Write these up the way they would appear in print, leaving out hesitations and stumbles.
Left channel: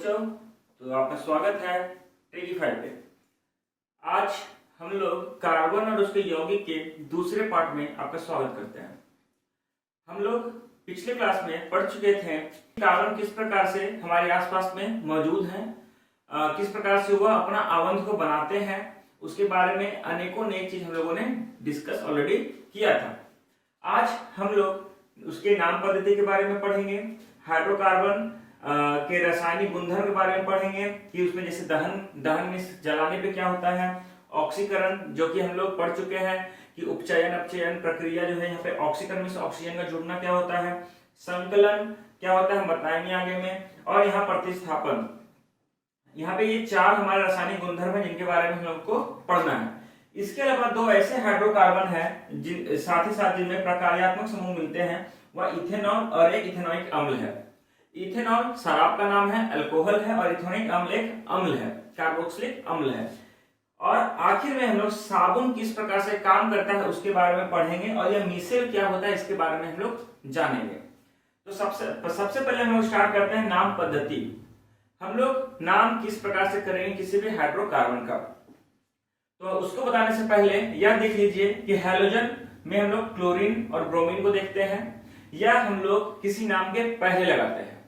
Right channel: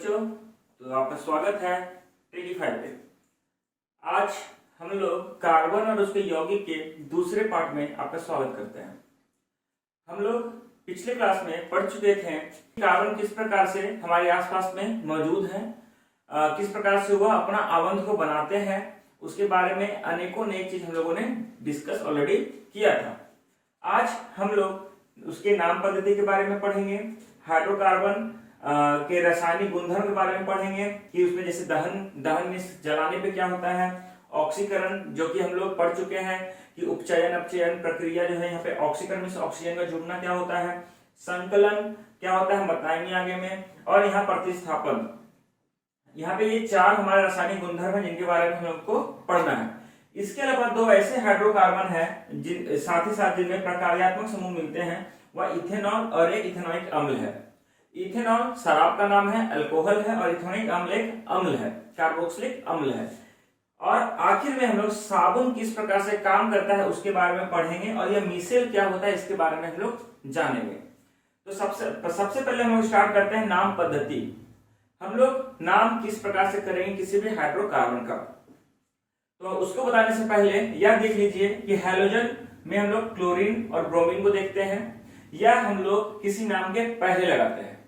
बच्चों, तो आपका स्वागत है टेकीफाई पे। आज हम लोग कार्बन और उसके यौगिक के दूसरे पार्ट में आपका स्वागत करते हैं। हम लोग पिछले क्लास में पढ़ चुके थे कार्बन किस प्रकार से हमारे आसपास में मौजूद है, किस प्रकार से वह अपना आवंत को बनाते हैं, उसके बारे में अनेकों नई चीज हम लोगों ने डिस्कस ऑलरेडी किया था। आज हम लोग उसके नाम पद्धति के बारे में पढ़ेंगे, हाइड्रोकार्बन के रासायनिक गुणधर्म के बारे में पढ़ेंगे कि उसमें जैसे दहन में जलाने पे क्या होता है, ऑक्सीकरण जो कि हम लोग पढ़ चुके हैं कि उपचयन अपचयन प्रक्रिया जो है यहाँ पे ऑक्सीकरण में ऑक्सीजन का जुड़ना क्या होता है, संकलन क्या होता है हम बताएंगे आगे में, और यहाँ प्रतिस्थापन। यहाँ पे ये चार हमारे रासायनिक गुणधर्म है जिनके बारे में हम लोग को पढ़ना है। इसके अलावा दो ऐसे हाइड्रोकार्बन है जिन साथ ही साथ जिनमें प्रकार्यात्मक समूह मिलते हैं, वह इथेनॉल और एक इथेनॉइक अम्ल है। इथेनॉल शराब का नाम है, अल्कोहल है, और इथेनॉइक अम्ल एक अम्ल है, कार्बोक्सिलिक अम्ल है। और आखिर में हम लोग साबुन किस प्रकार से काम करता है उसके बारे में पढ़ेंगे, और यह मिसेल क्या होता है इसके बारे में हम लोग जानेंगे। तो सबसे पहले हम लोग स्टार्ट करते हैं नाम पद्धति। हम लोग नाम किस प्रकार से करेंगे किसी भी हाइड्रोकार्बन का, तो उसको बताने से पहले यह देख लीजिए कि हैलोजन में हम लोग क्लोरीन और ब्रोमीन को देखते हैं, या हम लोग किसी नाम के पहले लगाते हैं।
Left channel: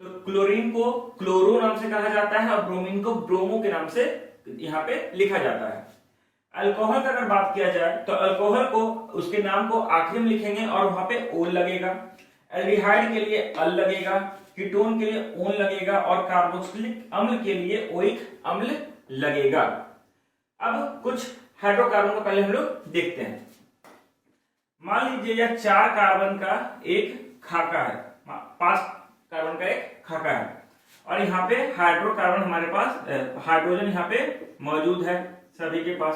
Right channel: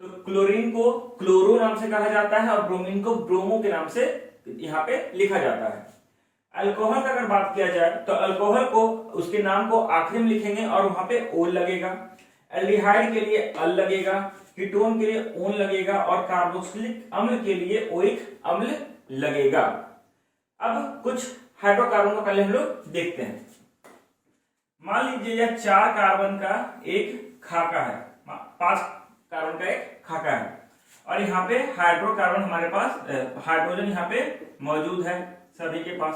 तो क्लोरीन को क्लोरो नाम से कहा जाता है और ब्रोमीन को ब्रोमो के नाम से यहाँ पे लिखा जाता है। अल्कोहल का अगर बात किया जाए तो अल्कोहल को उसके नाम को आखिरी में लिखेंगे और वहां पे ओल लगेगा, एल्डिहाइड के लिए अल लगेगा, कीटोन के लिए ओन लगेगा, और कार्बोक्सिलिक अम्ल के लिए ओइक अम्ल लगेगा। अब कुछ हाइड्रोकार्बन को पहले हम लोग देखते हैं। मान लीजिए यह 4 कार्बन का एक खाका है, 5 कार्बन का एक खाका है, और यहाँ पे हाइड्रोकार्बन हमारे पास हाइड्रोजन यहाँ पे मौजूद है सभी के पास।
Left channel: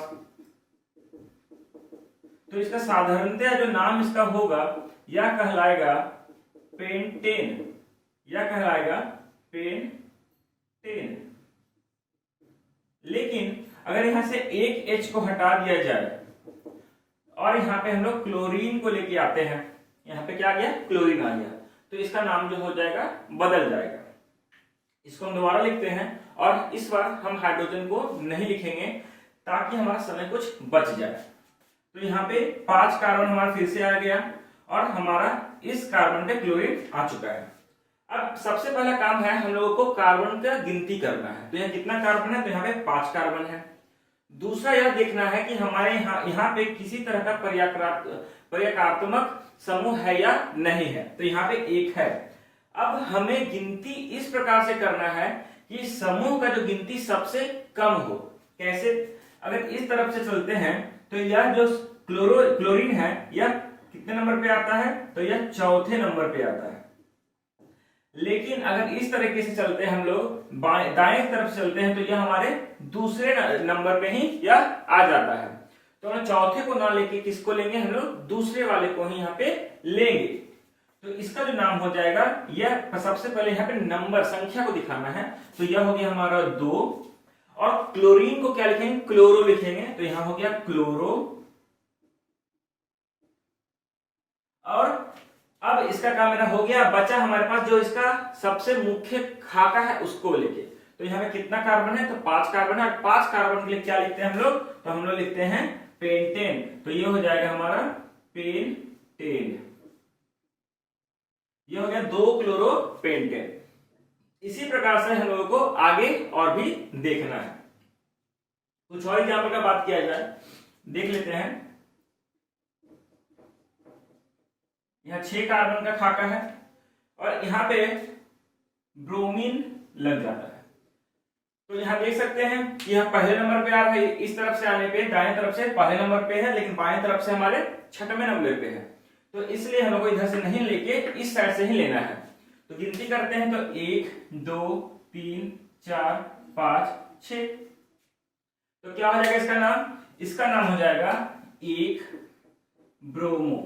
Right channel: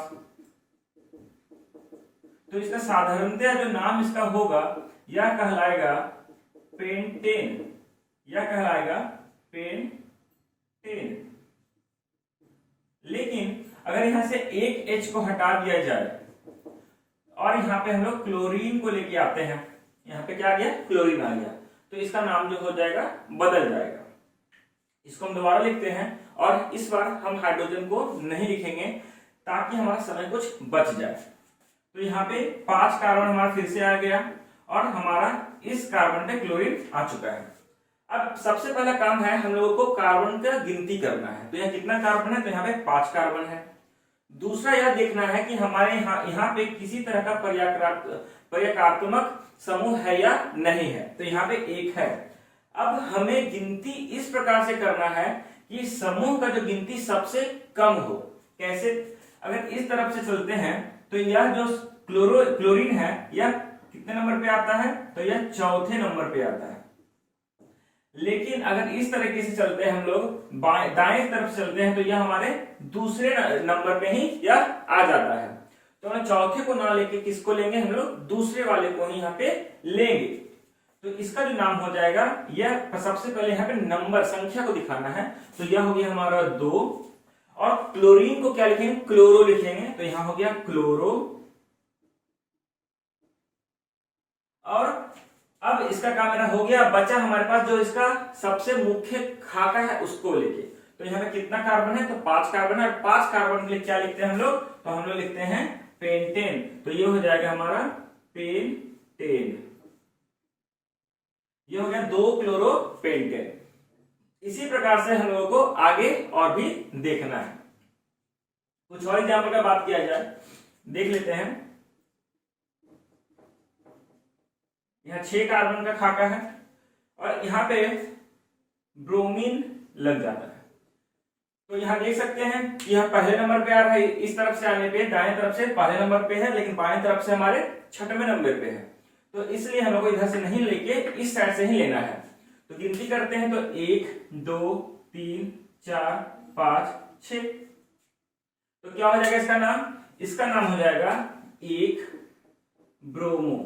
तो इसका साधारणतया जो नाम इसका होगा यह कहलाएगा पेंटेन, यह कहलाएगा पेंटेन। लेकिन अगर यहां से एक H को हटा दिया जाए और यहाँ पे हम लोग क्लोरीन को लेके आते हैं, यहाँ पे क्या आ गया, क्लोरीन आ गया, तो इसका नाम जो हो जाएगा बदल जाएगा। इसको हम दोबारा लिखते हैं, और इस बार हम हाइड्रोजन को नहीं लिखेंगे ताकि हमारा समय कुछ बच जाए। तो यहाँ पे 5 कार्बन हमारा फिर से आ गया, और हमारा इस कार्बन पे क्लोरीन आ चुका है। अब सबसे पहला काम है हम लोगों को कार्बन का गिनती करना है। तो यहाँ कितना कार्बन है, तो यहाँ पे 5 कार्बन है। दूसरा यह देखना है कि हमारे यहाँ पे किसी तरह का पर्याकार्तमक समूह है या नहीं है, तो यहाँ पे 1 है। अब हमें गिनती इस प्रकार से करना है कि समूह का जो गिनती सबसे कम हो। कैसे, अगर इस तरफ से चलते हैं तो यह जो क्लोरीन है यह कितने नंबर पे आता है, तो यह 4थे नंबर पे आता है। लेकिन अगर इस तरीके से चलते हैं हम लोग दाएं तरफ चलते हैं तो यह हमारे दूसरे नंबर पे ही यह आ जाता है। तो हम चौथे को ना लेके किसको लेंगे, हम लोग दूसरे वाले को ही यहाँ पे लेंगे। तो इसका जो नाम हो जाएगा, यह सबसे पहले यहाँ पे नंबर संख्या को दिखाना है, तो यह हो गया हमारा 2। और क्लोरीन को क्या लिखेंगे, क्लोरो लिखेंगे, तो यहां हो गया क्लोरो। और अब इसका काम मेरा हो गया, बचा हमारे पास जो इसका सबसे मुख्य खाका है उसको लेके। तो यहाँ पे कितना कार्बन है, तो 5 कार्बन है, और 5 कार्बन के लिए क्या लिखते हैं हम लोग, तो हम लोग लिखते हैं पेंटेन। तो ये हो जाएगा हमारा पेंटेन, ये हो गया 2 क्लोरो पेंटेन। इसी प्रकार से हम लोगों को आगे और भी देखना है। कुछ और एग्जाम्पल का बात किया जाए, देख लेते हैं। यहाँ 6 कार्बन का खाका है, और यहाँ पे ब्रोमीन लग जाता है। तो यहाँ देख सकते हैं कि यहाँ पहले नंबर पे आ रहा है, इस तरफ से आने पे दाएं तरफ से पहले नंबर पे है, लेकिन बाएं तरफ से हमारे 6वें नंबर पे है। तो इसलिए हम लोग को इधर से नहीं लेके इस साइड से ही लेना है। तो गिनती करते हैं, तो 1 2 3 4 5 6। तो क्या हो जाएगा इसका नाम, इसका नाम हो जाएगा 1 ब्रोमो,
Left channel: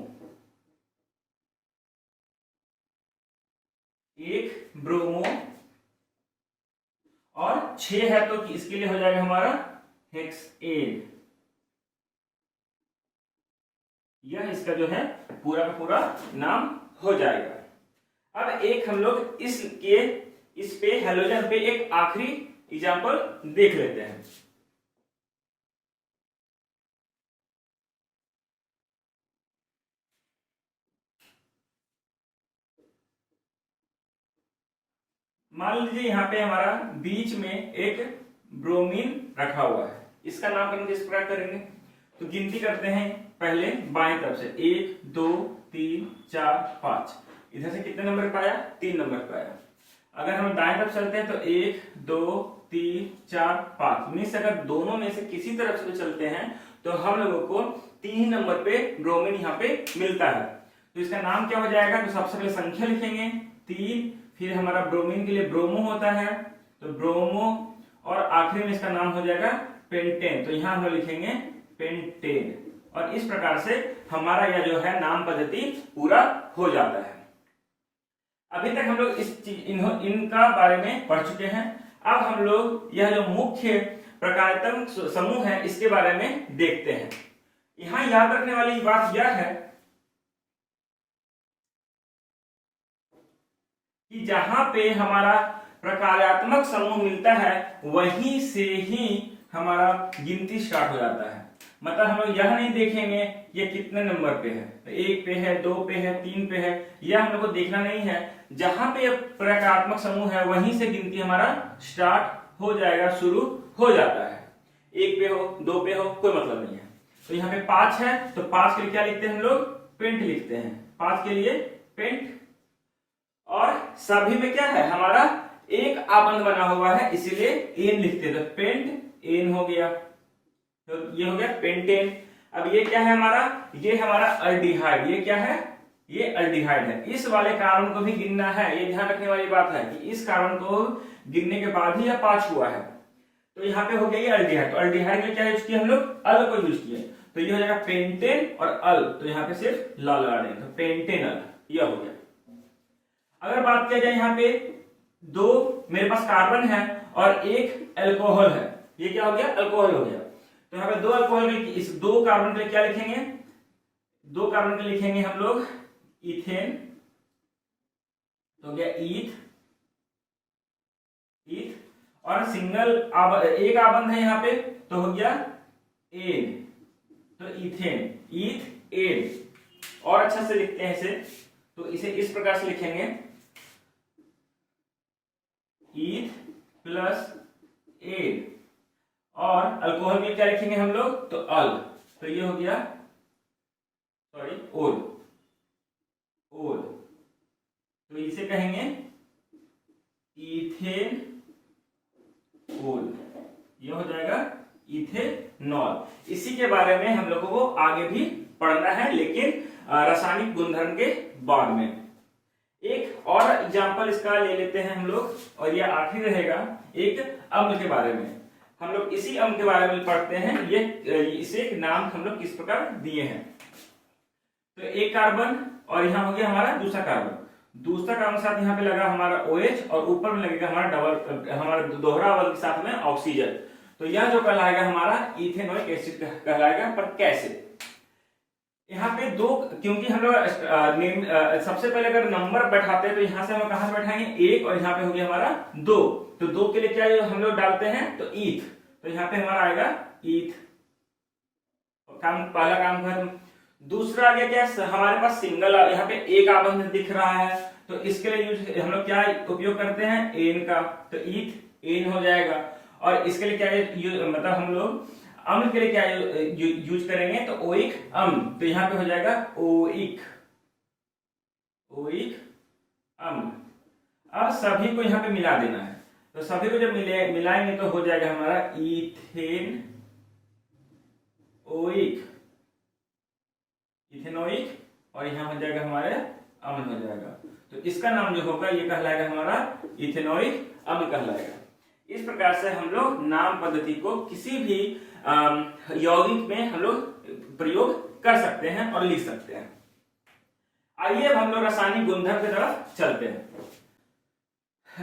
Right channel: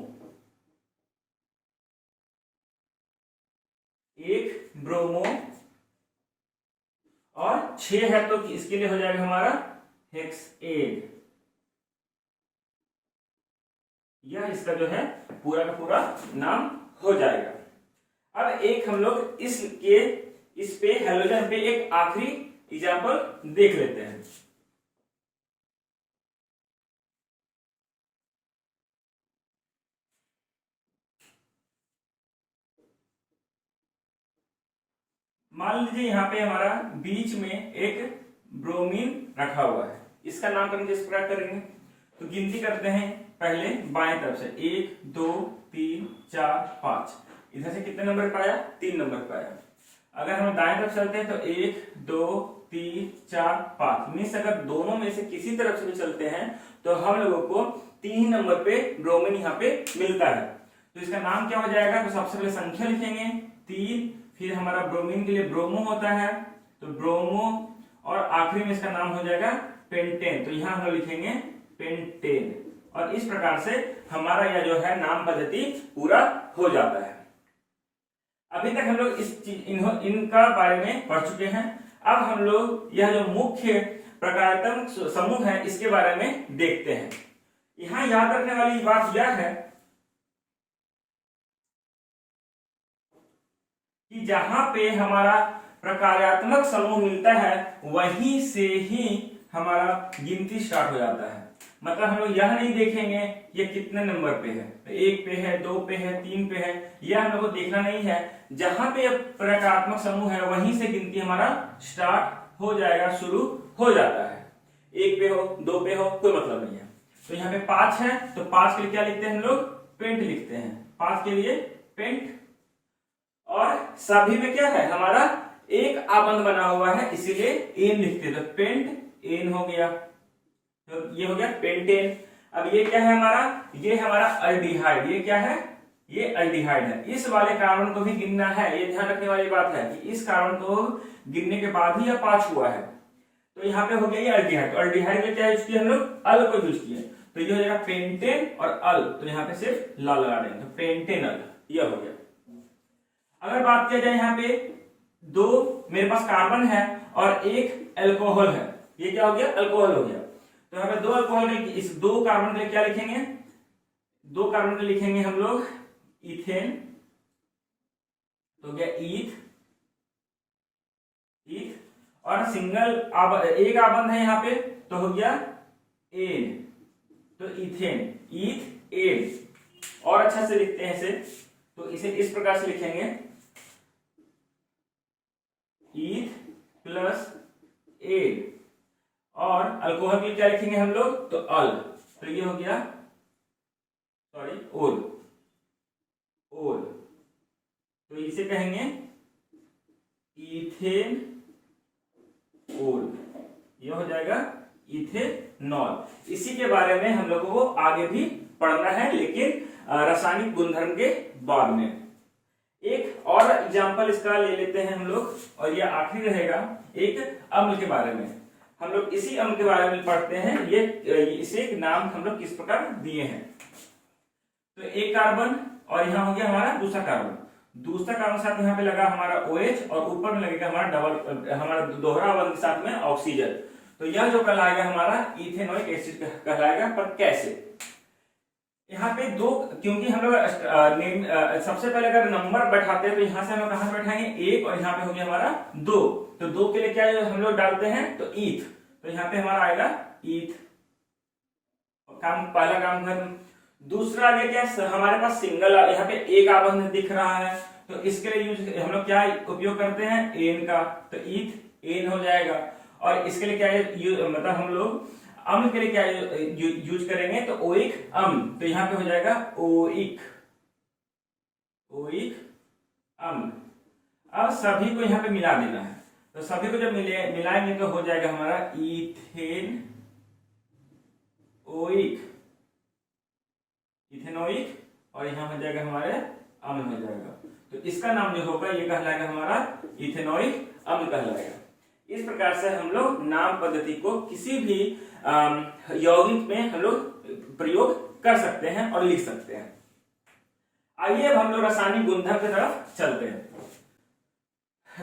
1 ब्रोमो। और 6 है तो इसके लिए हो जाएगा हमारा हेक्सेन। यह इसका जो है पूरा का पूरा नाम हो जाएगा। अब एक हम लोग इसके इस पे हेलोजन पे एक आखिरी एग्जांपल देख लेते हैं। मान लीजिए यहाँ पे हमारा बीच में एक ब्रोमीन रखा हुआ है, इसका नामकरण किस प्रकार करेंगे? तो गिनती करते हैं पहले बाएं तरफ से, 1 2 3 4 5। इधर से कितने नंबर पाया? 3 नंबर पाया। अगर हम दाएं तरफ चलते हैं तो 1 2 3 4 5, मीन्स अगर दोनों में से किसी तरफ से चलते हैं तो हम लोगों को 3 नंबर पे ब्रोमीन यहाँ पे मिलता है। तो इसका नाम क्या हो जाएगा? तो सबसे पहले संख्या लिखेंगे 3, फिर हमारा ब्रोमीन के लिए ब्रोमो होता है तो ब्रोमो, और आखिरी में इसका नाम हो जाएगा पेंटेन, तो यहां हम लिखेंगे पेंटेन। और इस प्रकार से हमारा यह जो है नाम पद्धति पूरा हो जाता है। अभी तक हम लोग इनका बारे में पढ़ चुके हैं। अब हम लोग यह जो मुख्य प्रकारात्मक समूह है इसके बारे में देखते हैं। यहां याद रखने वाली बात यह है कि जहां पे हमारा प्रकारात्मक समूह मिलता है वहीं से ही हमारा गिनती स्टार्ट हो जाता है। मतलब हम लोग यह नहीं देखेंगे ये कितने नंबर पे है, 1 पे है, 2 पे है, 3 पे है, यह हम लोग को देखना नहीं है। जहां पे प्रकारात्मक समूह है वहीं से गिनती हमारा स्टार्ट हो जाएगा, शुरू हो जाता है। 1 पे हो, 2 पे हो, कोई मतलब नहीं है। तो यहाँ पे 5 है तो 5 के लिए क्या लिखते हैं हम लोग? पेंट लिखते हैं, 5 के लिए पेंट। और सभी में क्या है? हमारा एक आबंध बना हुआ है इसीलिए एन लिखते हैं, तो पेंट एन हो गया, तो ये हो गया पेंटेन। अब ये क्या है हमारा? ये हमारा अल्डिहाइड। ये क्या है? ये अल्डिहाइड है। इस वाले कार्बन को भी गिनना है, ये ध्यान रखने वाली बात है कि इस कार्बन को गिनने के बाद ही यह 5 हुआ है। तो यहाँ पे हो गया ये अल्डिहाइड। तो अल्डिहाइड में क्या यूज किया हम लोग? अल को यूज किए, तो ये हो जाएगा पेंटेन और अल, तो यहाँ पे सिर्फ ला लगा देंगे, तो पेंटेनल यह हो गया। अगर बात किया जाए यहाँ पे 2 मेरे पास कार्बन है और 1 अल्कोहल है, ये क्या हो गया? अल्कोहल हो गया। तो यहाँ पे 2 अल्कोहल, इस 2 कार्बन के लिए क्या लिखेंगे? 2 कार्बन के लिखेंगे हम लोग इथेन, तो गया ईथ, और सिंगल एक आबंध है यहाँ पे तो हो गया एन, तो इथेन, ईथ एन। और अच्छा से लिखते हैं इसे, तो इसे इस प्रकार से लिखेंगे ईथ प्लस एन, और अल्कोहल में क्या लिखेंगे हम लोग? तो अल, तो ये हो गया ओल, तो इसे कहेंगे इथेन ओल, ये हो जाएगा इथेनॉल। इसी के बारे में हम लोगों को आगे भी पढ़ना है, लेकिन रासायनिक गुणधर्म के बाद में। एक और एग्जांपल इसका ले लेते हैं हम लोग, और ये आखिरी रहेगा एक अम्ल के बारे में। हम लोग इसी अम्ल के बारे में पढ़ते हैं। इसे एक नाम हम लोग किस प्रकार दिए हैं। तो एक कार्बन और यहाँ हो गया हमारा दूसरा कार्बन, दूसरा कार्बन के साथ यहाँ पे लगा हमारा OH, और ऊपर में लगेगा हमारा दोहरा अवध के साथ में ऑक्सीजन। तो यह जो कहलाएगा हमारा इथेनोइक एसिड कहलाएगा। पर कैसे? यहाँ पे 2, क्योंकि हम लोग सबसे पहले अगर नंबर बैठाते हैं तो यहाँ से हम कहां से बैठाएंगे? 1, और यहाँ पे हो गया हमारा 2, तो 2 के लिए क्या हम लोग डालते हैं? तो ईथ, तो यहाँ पे हमारा आएगा ईथ, पहला काम खत्म। दूसरा आगे क्या है? हमारे पास सिंगल, यहाँ पे एक आबंध दिख रहा है, तो इसके लिए हम लोग क्या उपयोग करते हैं? एन का, तो ईथ एन हो जाएगा। और इसके लिए क्या मतलब हम लोग अम्ल के लिए क्या यूज करेंगे? तो ओइक अम्ल, तो यहाँ पे हो जाएगा ओइक अम्ल। अब सभी को यहाँ पे मिला देना है, तो सभी को जब मिलाएंगे तो हो जाएगा हमारा इथेनोइक, और यहाँ हो जाएगा हमारे अम्ल हो जाएगा। तो इसका नाम जो होगा ये कहलाएगा हमारा इथेनोइक अम्ल कहलाएगा। इस प्रकार से हम लोग नाम पद्धति को किसी भी यौगिक में हम लोग प्रयोग कर सकते हैं और लिख सकते हैं। आइए अब हम लोग रासायनिक गुणधर्म की तरफ चलते हैं।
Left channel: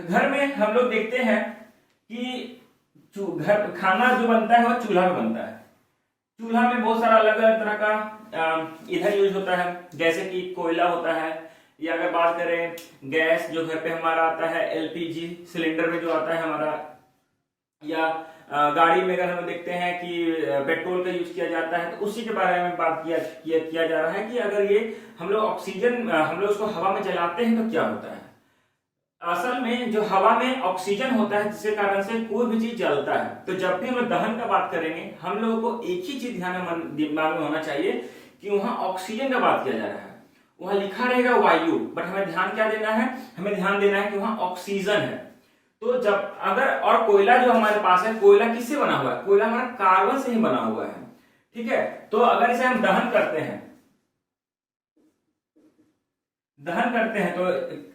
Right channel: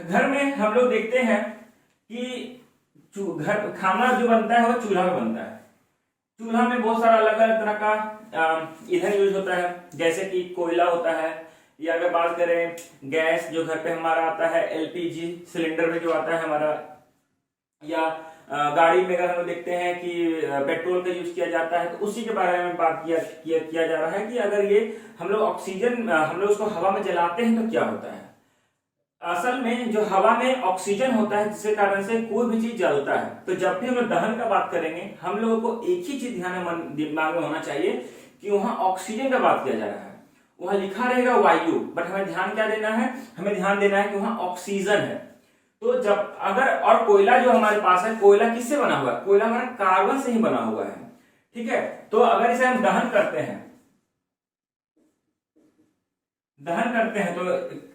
घर में हम लोग देखते हैं कि घर खाना जो बनता है वो चूल्हा में बनता है। चूल्हा में बहुत सारा अलग अलग तरह का ईंधन यूज होता है, जैसे कि कोयला होता है, या अगर बात करें गैस जो घर पे हमारा आता है एलपीजी सिलेंडर में जो आता है हमारा, या गाड़ी में अगर हम देखते हैं कि पेट्रोल का यूज किया जाता है, तो उसी के बारे में बात किया जा रहा है कि अगर ये हम लोग ऑक्सीजन हम लोग उसको हवा में जलाते हैं तो क्या होता है। असल में जो हवा में ऑक्सीजन होता है जिसके कारण से कोई भी चीज जलता है, तो जब भी हम लोग दहन का बात करेंगे हम लोगों को एक ही चीज दिमाग में होना चाहिए कि वहां ऑक्सीजन का बात किया जा रहा है। वहां लिखा रहेगा वायु, बट हमें ध्यान क्या देना है, हमें ध्यान देना है कि वहां ऑक्सीजन है। तो जब अगर, और कोयला जो हमारे पास है, कोयला किससे बना हुआ है, कोयला हमारा कार्बन से ही बना हुआ है, ठीक है। तो अगर इसे हम दहन करते हैं तो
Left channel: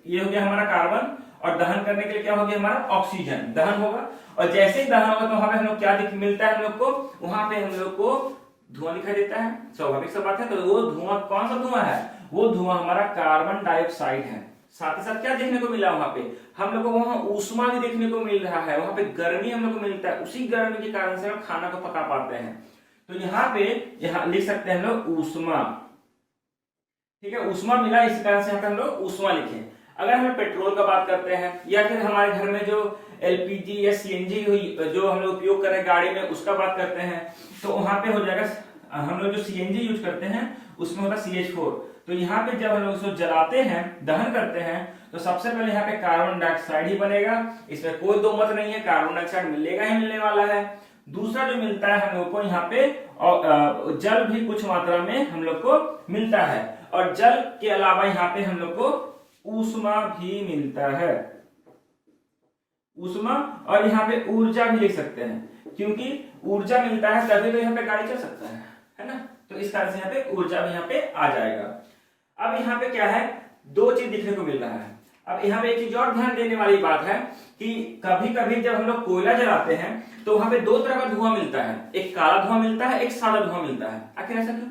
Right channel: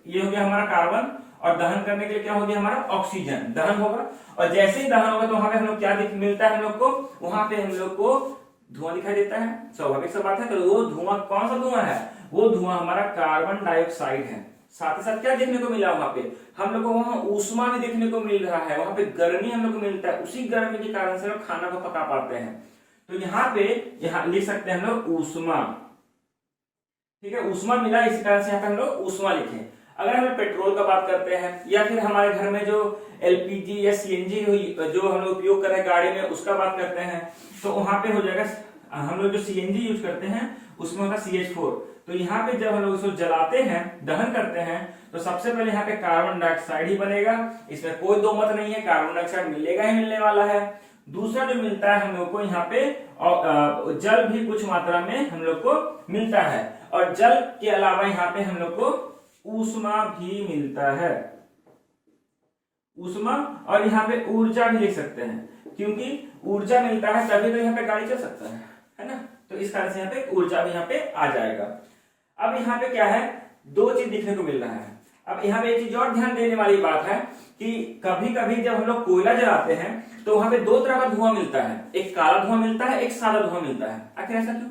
ये हो गया हमारा कार्बन, और दहन करने के लिए क्या हो गया हमारा ऑक्सीजन, दहन होगा। और जैसे ही दहन होगा तो वहां पे हम लोग क्या मिलता है हम लोग को, वहां पे हम लोग को धुआं दिखाई देता है, स्वाभाविक सा बात है। तो वो धुआं कौन सा धुआं है, वो धुआं हमारा कार्बन डाइऑक्साइड है। साथ ही साथ क्या देखने को मिला वहां पे, हम लोग को वहां ऊष्मा भी देखने को मिल रहा है, वहां पे गर्मी हम लोग को मिलता है, उसी गर्मी के कारण से हम खाना को पका पाते हैं। तो यहाँ लिख सकते हैं हम लोग ऊष्मा, ठीक है, ऊष्मा मिला, इसी कारण से यहाँ पे हम लोग ऊष्मा लिखे। अगर हम पेट्रोल का बात करते हैं, या फिर हमारे घर में जो एलपीजी या सीएनजी जो हम लोग उपयोग कर रहे हैं गाड़ी में, उसका बात करते हैं, तो वहां पे हो जाएगा, हम लोग जो सीएनजी यूज करते हैं उसमें होता है CH4। तो यहाँ पे जब हम लोग उसको जलाते हैं, दहन करते हैं, तो सबसे पहले यहाँ पे कार्बन डाइऑक्साइड ही बनेगा, इसमें कोई दो मत नहीं है, कार्बन डाइऑक्साइड मिलेगा ही मिलने वाला है। दूसरा जो मिलता है हम लोग को यहाँ पे जल भी कुछ मात्रा में हम लोग को मिलता है, और जल के अलावा यहाँ पे हम लोग को ऊष्मा भी मिलता है, ऊष्मा। और यहाँ पे ऊर्जा भी लिख सकते हैं, क्योंकि ऊर्जा मिलता है तभी तो यहाँ पे गाड़ी चल सकता है ना। तो इस कारण से यहाँ पे ऊर्जा भी यहाँ पे आ जाएगा। अब यहाँ पे क्या है, दो चीज दिखने को मिल रहा है। अब यहाँ पे एक चीज और ध्यान देने वाली बात है कि कभी कभी जब हम लोग कोयला जलाते हैं तो वहां पे दो तरह का धुआं मिलता है, एक काला धुआं मिलता है, एक सादा धुआं मिलता है। आखिर ऐसा क्यों?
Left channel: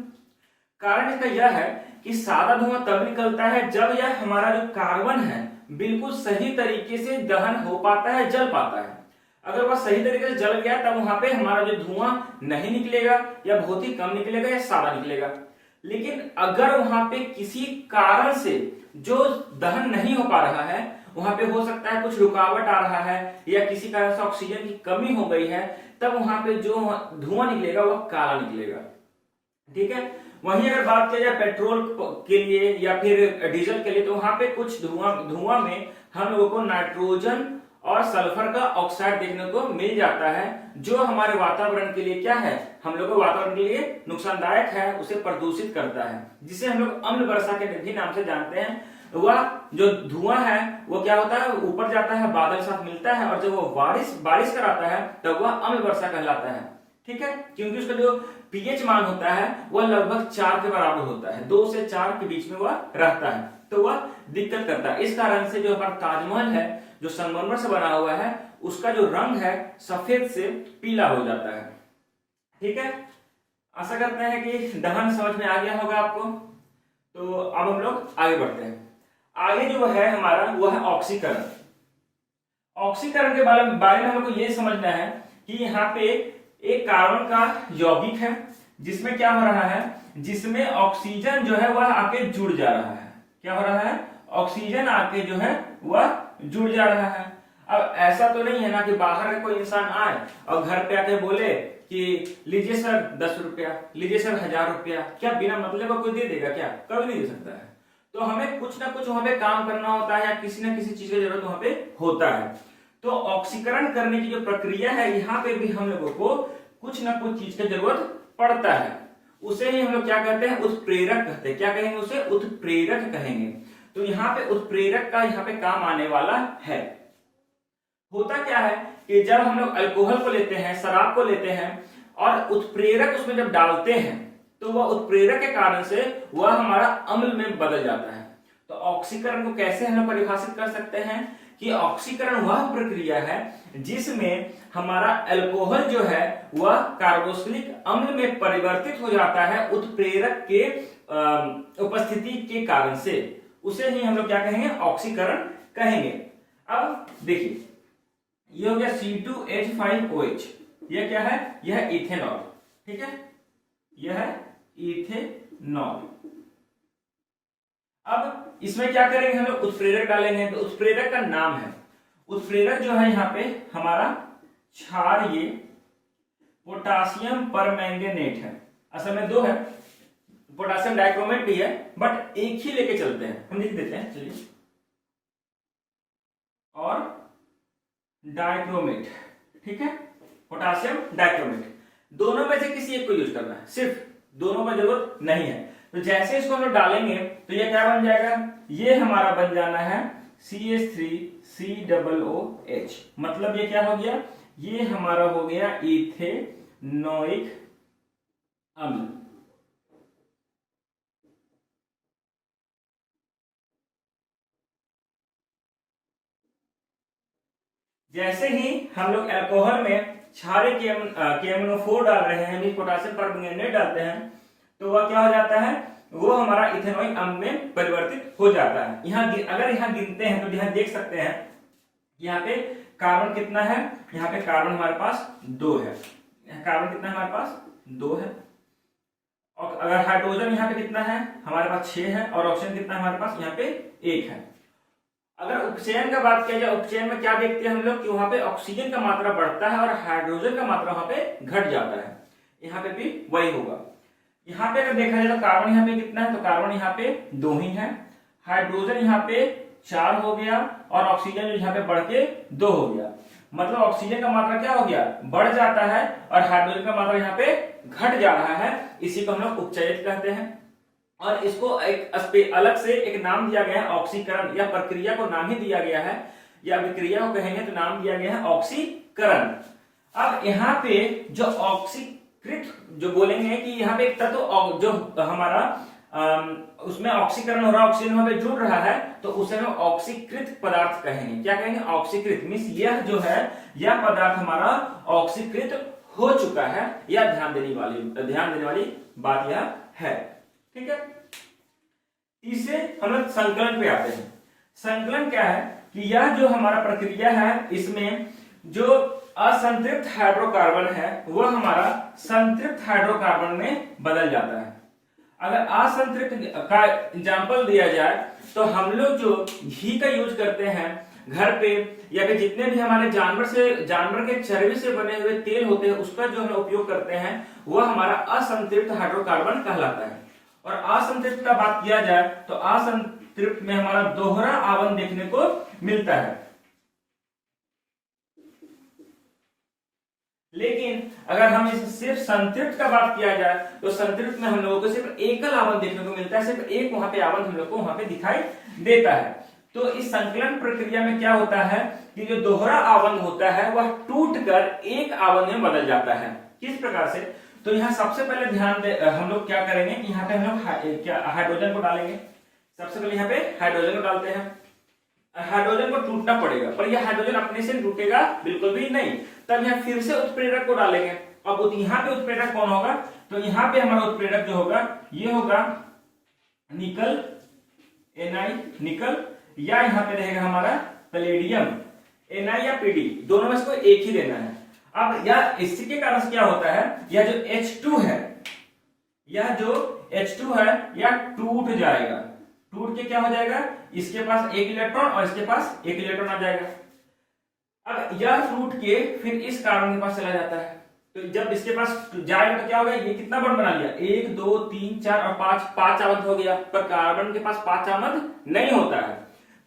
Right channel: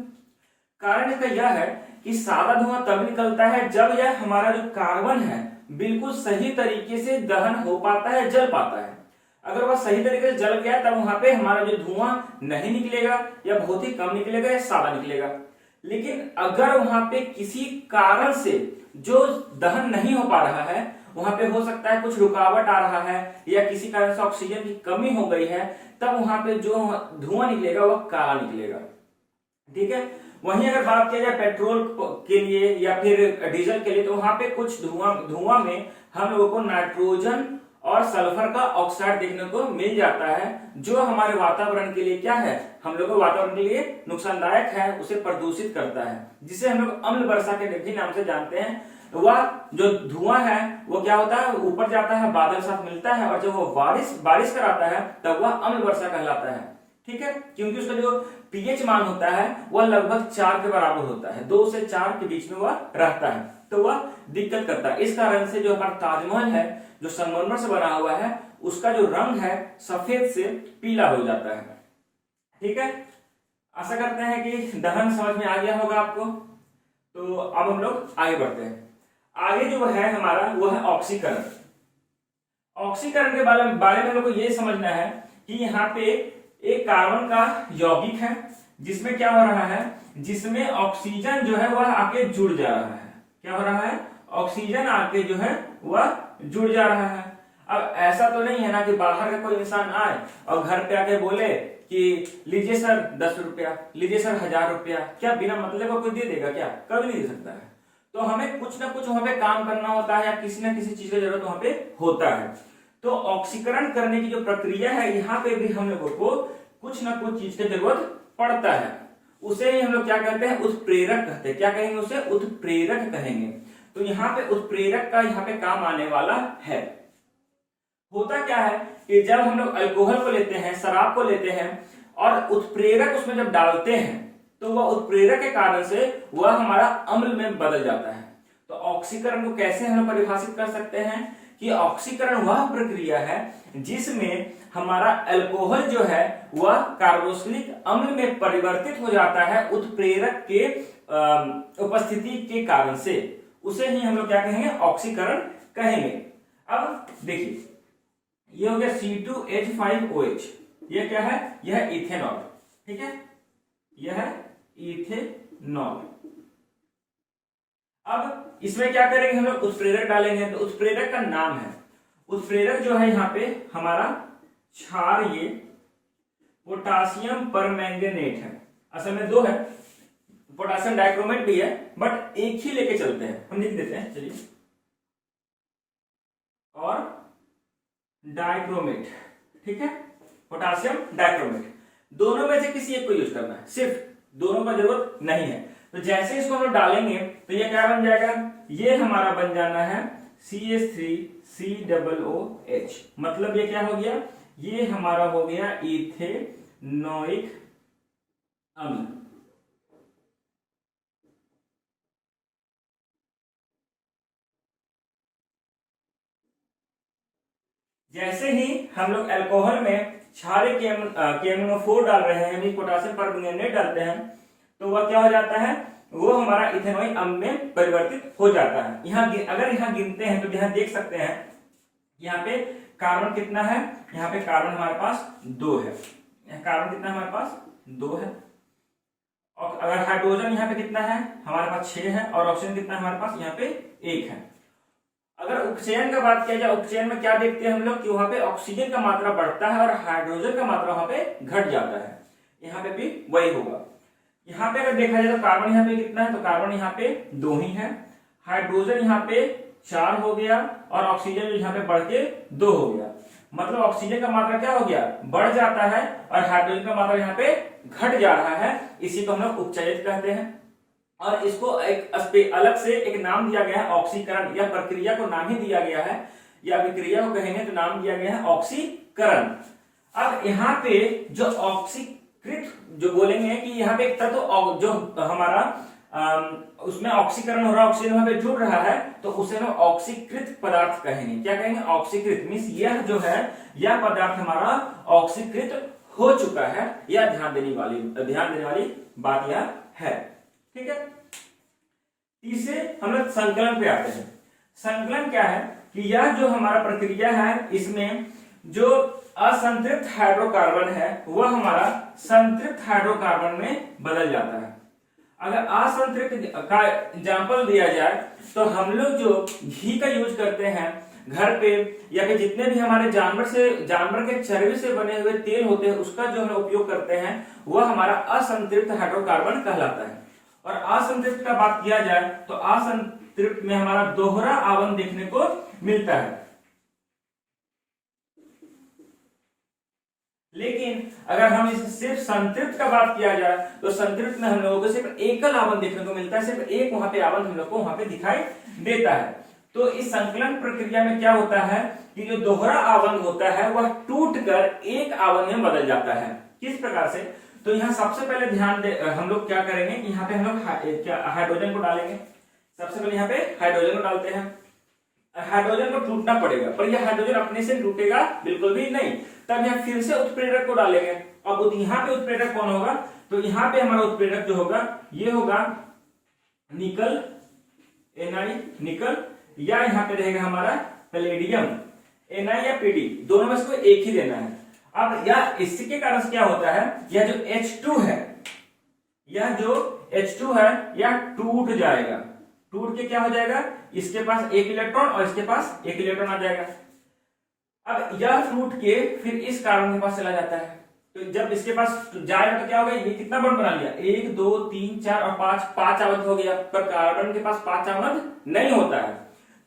कारण इसका यह है कि सादा धुआं तब निकलता है जब यह हमारा जो कार्बन है बिल्कुल सही तरीके से दहन हो पाता है, जल पाता है। अगर वह सही तरीके से जल गया तब वहां पे हमारा जो धुआं नहीं निकलेगा, या बहुत ही कम निकलेगा, या सादा निकलेगा। लेकिन अगर वहां पे किसी कारण से जो दहन नहीं हो पा रहा है, वहां पे हो सकता है कुछ रुकावट आ रहा है, या किसी कारण से ऑक्सीजन की कमी हो गई है, तब वहां पे जो धुआं निकलेगा वह काला निकलेगा, ठीक है। वहीं अगर बात किया जाए पेट्रोल के लिए या फिर डीजल के लिए, तो वहां पे कुछ धुआं में हम लोगों को नाइट्रोजन और सल्फर का ऑक्साइड देखने को मिल जाता है, जो हमारे वातावरण के लिए क्या है, हम लोग को वातावरण के लिए नुकसानदायक है, उसे प्रदूषित करता है, जिसे हम लोग अम्ल वर्षा के भी नाम से जानते हैं। वह जो धुआं है वो क्या होता है, ऊपर जाता है, बादल साथ मिलता है, और जब वो बारिश कराता है तब वह अम्ल वर्षा कहलाता है, ठीक है। क्योंकि उसका जो पीएच मान होता है वह लगभग 4 के बराबर होता है, 2 से 4 के बीच में वह रहता है, तो वह दिक्कत करता है। इस कारण से जो हमारा ताजमहल है जो संगमरमर से बना हुआ है, उसका जो रंग है सफेद से पीला हो जाता है, ठीक है। आशा करते हैं कि दहन समझ में आ गया होगा आपको। तो अब हम लोग आगे बढ़ते हैं। आगे जो है हमारा वो है ऑक्सीकरण। ऑक्सीकरण के बारे में हम लोग को ये समझना है कि यहाँ पे एक कार्बन का यौगिक है, जिसमें क्या हो रहा है, जिसमें ऑक्सीजन जो है वह आके जुड़ जा रहा है। क्या हो रहा है, ऑक्सीजन आके जो है वह जुड़ जा रहा है। अब ऐसा तो नहीं है ना कि बाहर का कोई इंसान आए और घर पे आके बोले कि लीजिए सर 10 रुपया, लीजिए सर 1000 रुपया, क्या बिना मतलब का कोई दे देगा? क्या कभी नहीं दे सकता है। तो हमें कुछ ना कुछ वहां पे काम करना होता है, या किसी ना किसी चीज की जरूरत वहां पे होता है। तो ऑक्सीकरण करने की जो प्रक्रिया है, यहाँ पे भी हम लोगों को कुछ ना कुछ चीज की जरूरत पड़ता है। उसे ही हम लोग क्या कहते हैं, उत्प्रेरक कहते हैं। क्या कहेंगे उसे? उत्प्रेरक कहेंगे। तो यहाँ पे उत्प्रेरक का यहाँ पे काम आने वाला है। होता क्या है कि जब हम लोग अल्कोहल को लेते हैं, शराब को लेते हैं, और उत्प्रेरक उसमें जब डालते हैं, तो वह उत्प्रेरक के कारण से वह हमारा अम्ल में बदल जाता है। तो ऑक्सीकरण को कैसे हम लोग परिभाषित कर सकते हैं कि ऑक्सीकरण वह प्रक्रिया है जिसमें हमारा अल्कोहल जो है वह कार्बोक्सिलिक अम्ल में परिवर्तित हो जाता है उत्प्रेरक के उपस्थिति के कारण से। उसे ही हम लोग क्या कहेंगे? ऑक्सीकरण कहेंगे। अब देखिए, ये हो गया C2H5OH। यह क्या है? यह इथेनॉल, ठीक है, यह है इथेनॉल। अब इसमें क्या करेंगे, हम लोग उत्प्रेरक डालेंगे। तो उत्प्रेरक का नाम है, उत्प्रेरक जो है यहाँ पे हमारा क्षारीय पोटासियम परमैंगनेट है। असल में दो है, पोटासियम डाइक्रोमेट भी है, बट एक ही लेके चलते हैं, हम लिख देते हैं चलिए, और डाइक्रोमेट, ठीक है, पोटासियम डाइक्रोमेट, दोनों में से किसी एक को यूज करना है, सिर्फ दोनों का जरूरत नहीं है। तो जैसे इसको हम डालेंगे तो ये क्या बन जाएगा, ये हमारा बन जाना है CH3COOH, मतलब ये क्या हो गया, ये हमारा हो गया इथेनोइक अम्ल। जैसे ही हम लोग अल्कोहल में क्षारीय KMnO4 डाल रहे हैं, यानी पोटासियम परमैंगनेट डालते हैं, तो वह क्या हो जाता है, वो हमारा इथेनोइक अम्ल में परिवर्तित हो जाता है। यहाँ अगर यहाँ गिनते हैं तो यहाँ देख सकते हैं, यहाँ पे कार्बन कितना है, यहाँ पे कार्बन हमारे पास 2 है, कार्बन कितना है हमारे पास 2 है, और अगर हाइड्रोजन यहाँ पे कितना है हमारे पास 6 है, और ऑक्सीजन कितना है हमारे पास यहाँ पे 1 है। अगर उपचयन का बात किया जाए, उपचयन में क्या देखते हैं हम लोग कि वहां पे ऑक्सीजन का मात्रा बढ़ता है और हाइड्रोजन का मात्रा वहां पे घट जाता है, यहाँ पे भी वही होगा। यहाँ पे अगर देखा जाए तो कार्बन यहाँ पे कितना है, तो कार्बन यहाँ पे 2 ही है, हाइड्रोजन यहाँ पे 4 हो गया, और ऑक्सीजन यहाँ पे बढ़ के 2 हो गया, मतलब ऑक्सीजन का मात्रा क्या हो गया, बढ़ जाता है, और हाइड्रोजन का मात्रा यहाँ पे घट जा रहा है, इसी को हम लोग उपचयित कहते हैं। और इसको एक अलग से एक नाम दिया गया है ऑक्सीकरण, या प्रक्रिया को नाम ही दिया गया है, या विक्रिया को कहेंगे तो नाम दिया गया है ऑक्सीकरण। अब यहाँ पे जो ऑक्सीकृत जो बोलेंगे कि यहाँ पे एक तत्व जो हमारा उसमें ऑक्सीकरण हो रहा है, ऑक्सीजन वहां पे जुड़ रहा है, तो उसे हम ऑक्सीकृत पदार्थ कहेंगे। क्या कहेंगे, ऑक्सीकृत मींस यह जो है, यह पदार्थ हमारा ऑक्सीकृत हो चुका है, यह ध्यान देने वाली बात यह है, ठीक है। तीसरे हम लोग संकलन पे आते हैं। संकलन क्या है कि यह जो हमारा प्रक्रिया है, इसमें जो असंतृप्त हाइड्रोकार्बन है वह हमारा संतृप्त हाइड्रोकार्बन में बदल जाता है। अगर असंतृप्त का एग्जांपल दिया जाए तो हम लोग जो घी का यूज करते हैं घर पे, या फिर जितने भी हमारे जानवर के चर्बी से बने हुए तेल होते हैं, उसका जो हम उपयोग करते हैं वह हमारा असंतृप्त हाइड्रोकार्बन कहलाता है। और असंतृप्त का बात किया जाए तो असंतृप्त में हमारा दोहरा आवरण देखने को मिलता है। लेकिन अगर हम इस सिर्फ संतृप्त का बात किया जाए तो संतृप्त में हम लोगों को सिर्फ एकल आवरण देखने को मिलता है, सिर्फ एक वहां पे आवरण हम लोग को वहां पे दिखाई देता है। तो इस संकलन प्रक्रिया में क्या होता है कि जो दोहरा आवरण होता है वह टूटकर एक आवरण में बदल जाता है। किस प्रकार से, तो यहाँ सबसे पहले ध्यान दे, हम लोग क्या करेंगे कि यहाँ पे हम लोग हाइड्रोजन को डालेंगे। सबसे पहले यहाँ पे हाइड्रोजन को डालते हैं, हाइड्रोजन को टूटना पड़ेगा, पर यह हाइड्रोजन अपने से टूटेगा बिल्कुल भी नहीं। तब यहाँ फिर से उत्प्रेरक को डालेंगे। अब यहाँ पे उत्प्रेरक कौन होगा, तो यहाँ पे हमारा उत्प्रेरक जो होगा ये होगा निकल, Na निकल, या यहाँ पे रहेगा हमारा पैलेडियम, Na या Pd, दोनों में से कोई एक ही लेना है। अब यह इसी के कारण क्या होता है, यह जो H2 है, यह जो H2 है यह टूट जाएगा। टूट के क्या हो जाएगा, इसके पास एक इलेक्ट्रॉन और इसके पास एक इलेक्ट्रॉन आ जाएगा। अब यह टूट के फिर इस कार्बन के पास चला जाता है, तो जब इसके पास जाएगा तो क्या होगा, ये कितना बॉन्ड बना लिया, 1 2 3 4 और 5 आवंत हो गया, पर कार्बन के पास 5 आवंत नहीं होता है।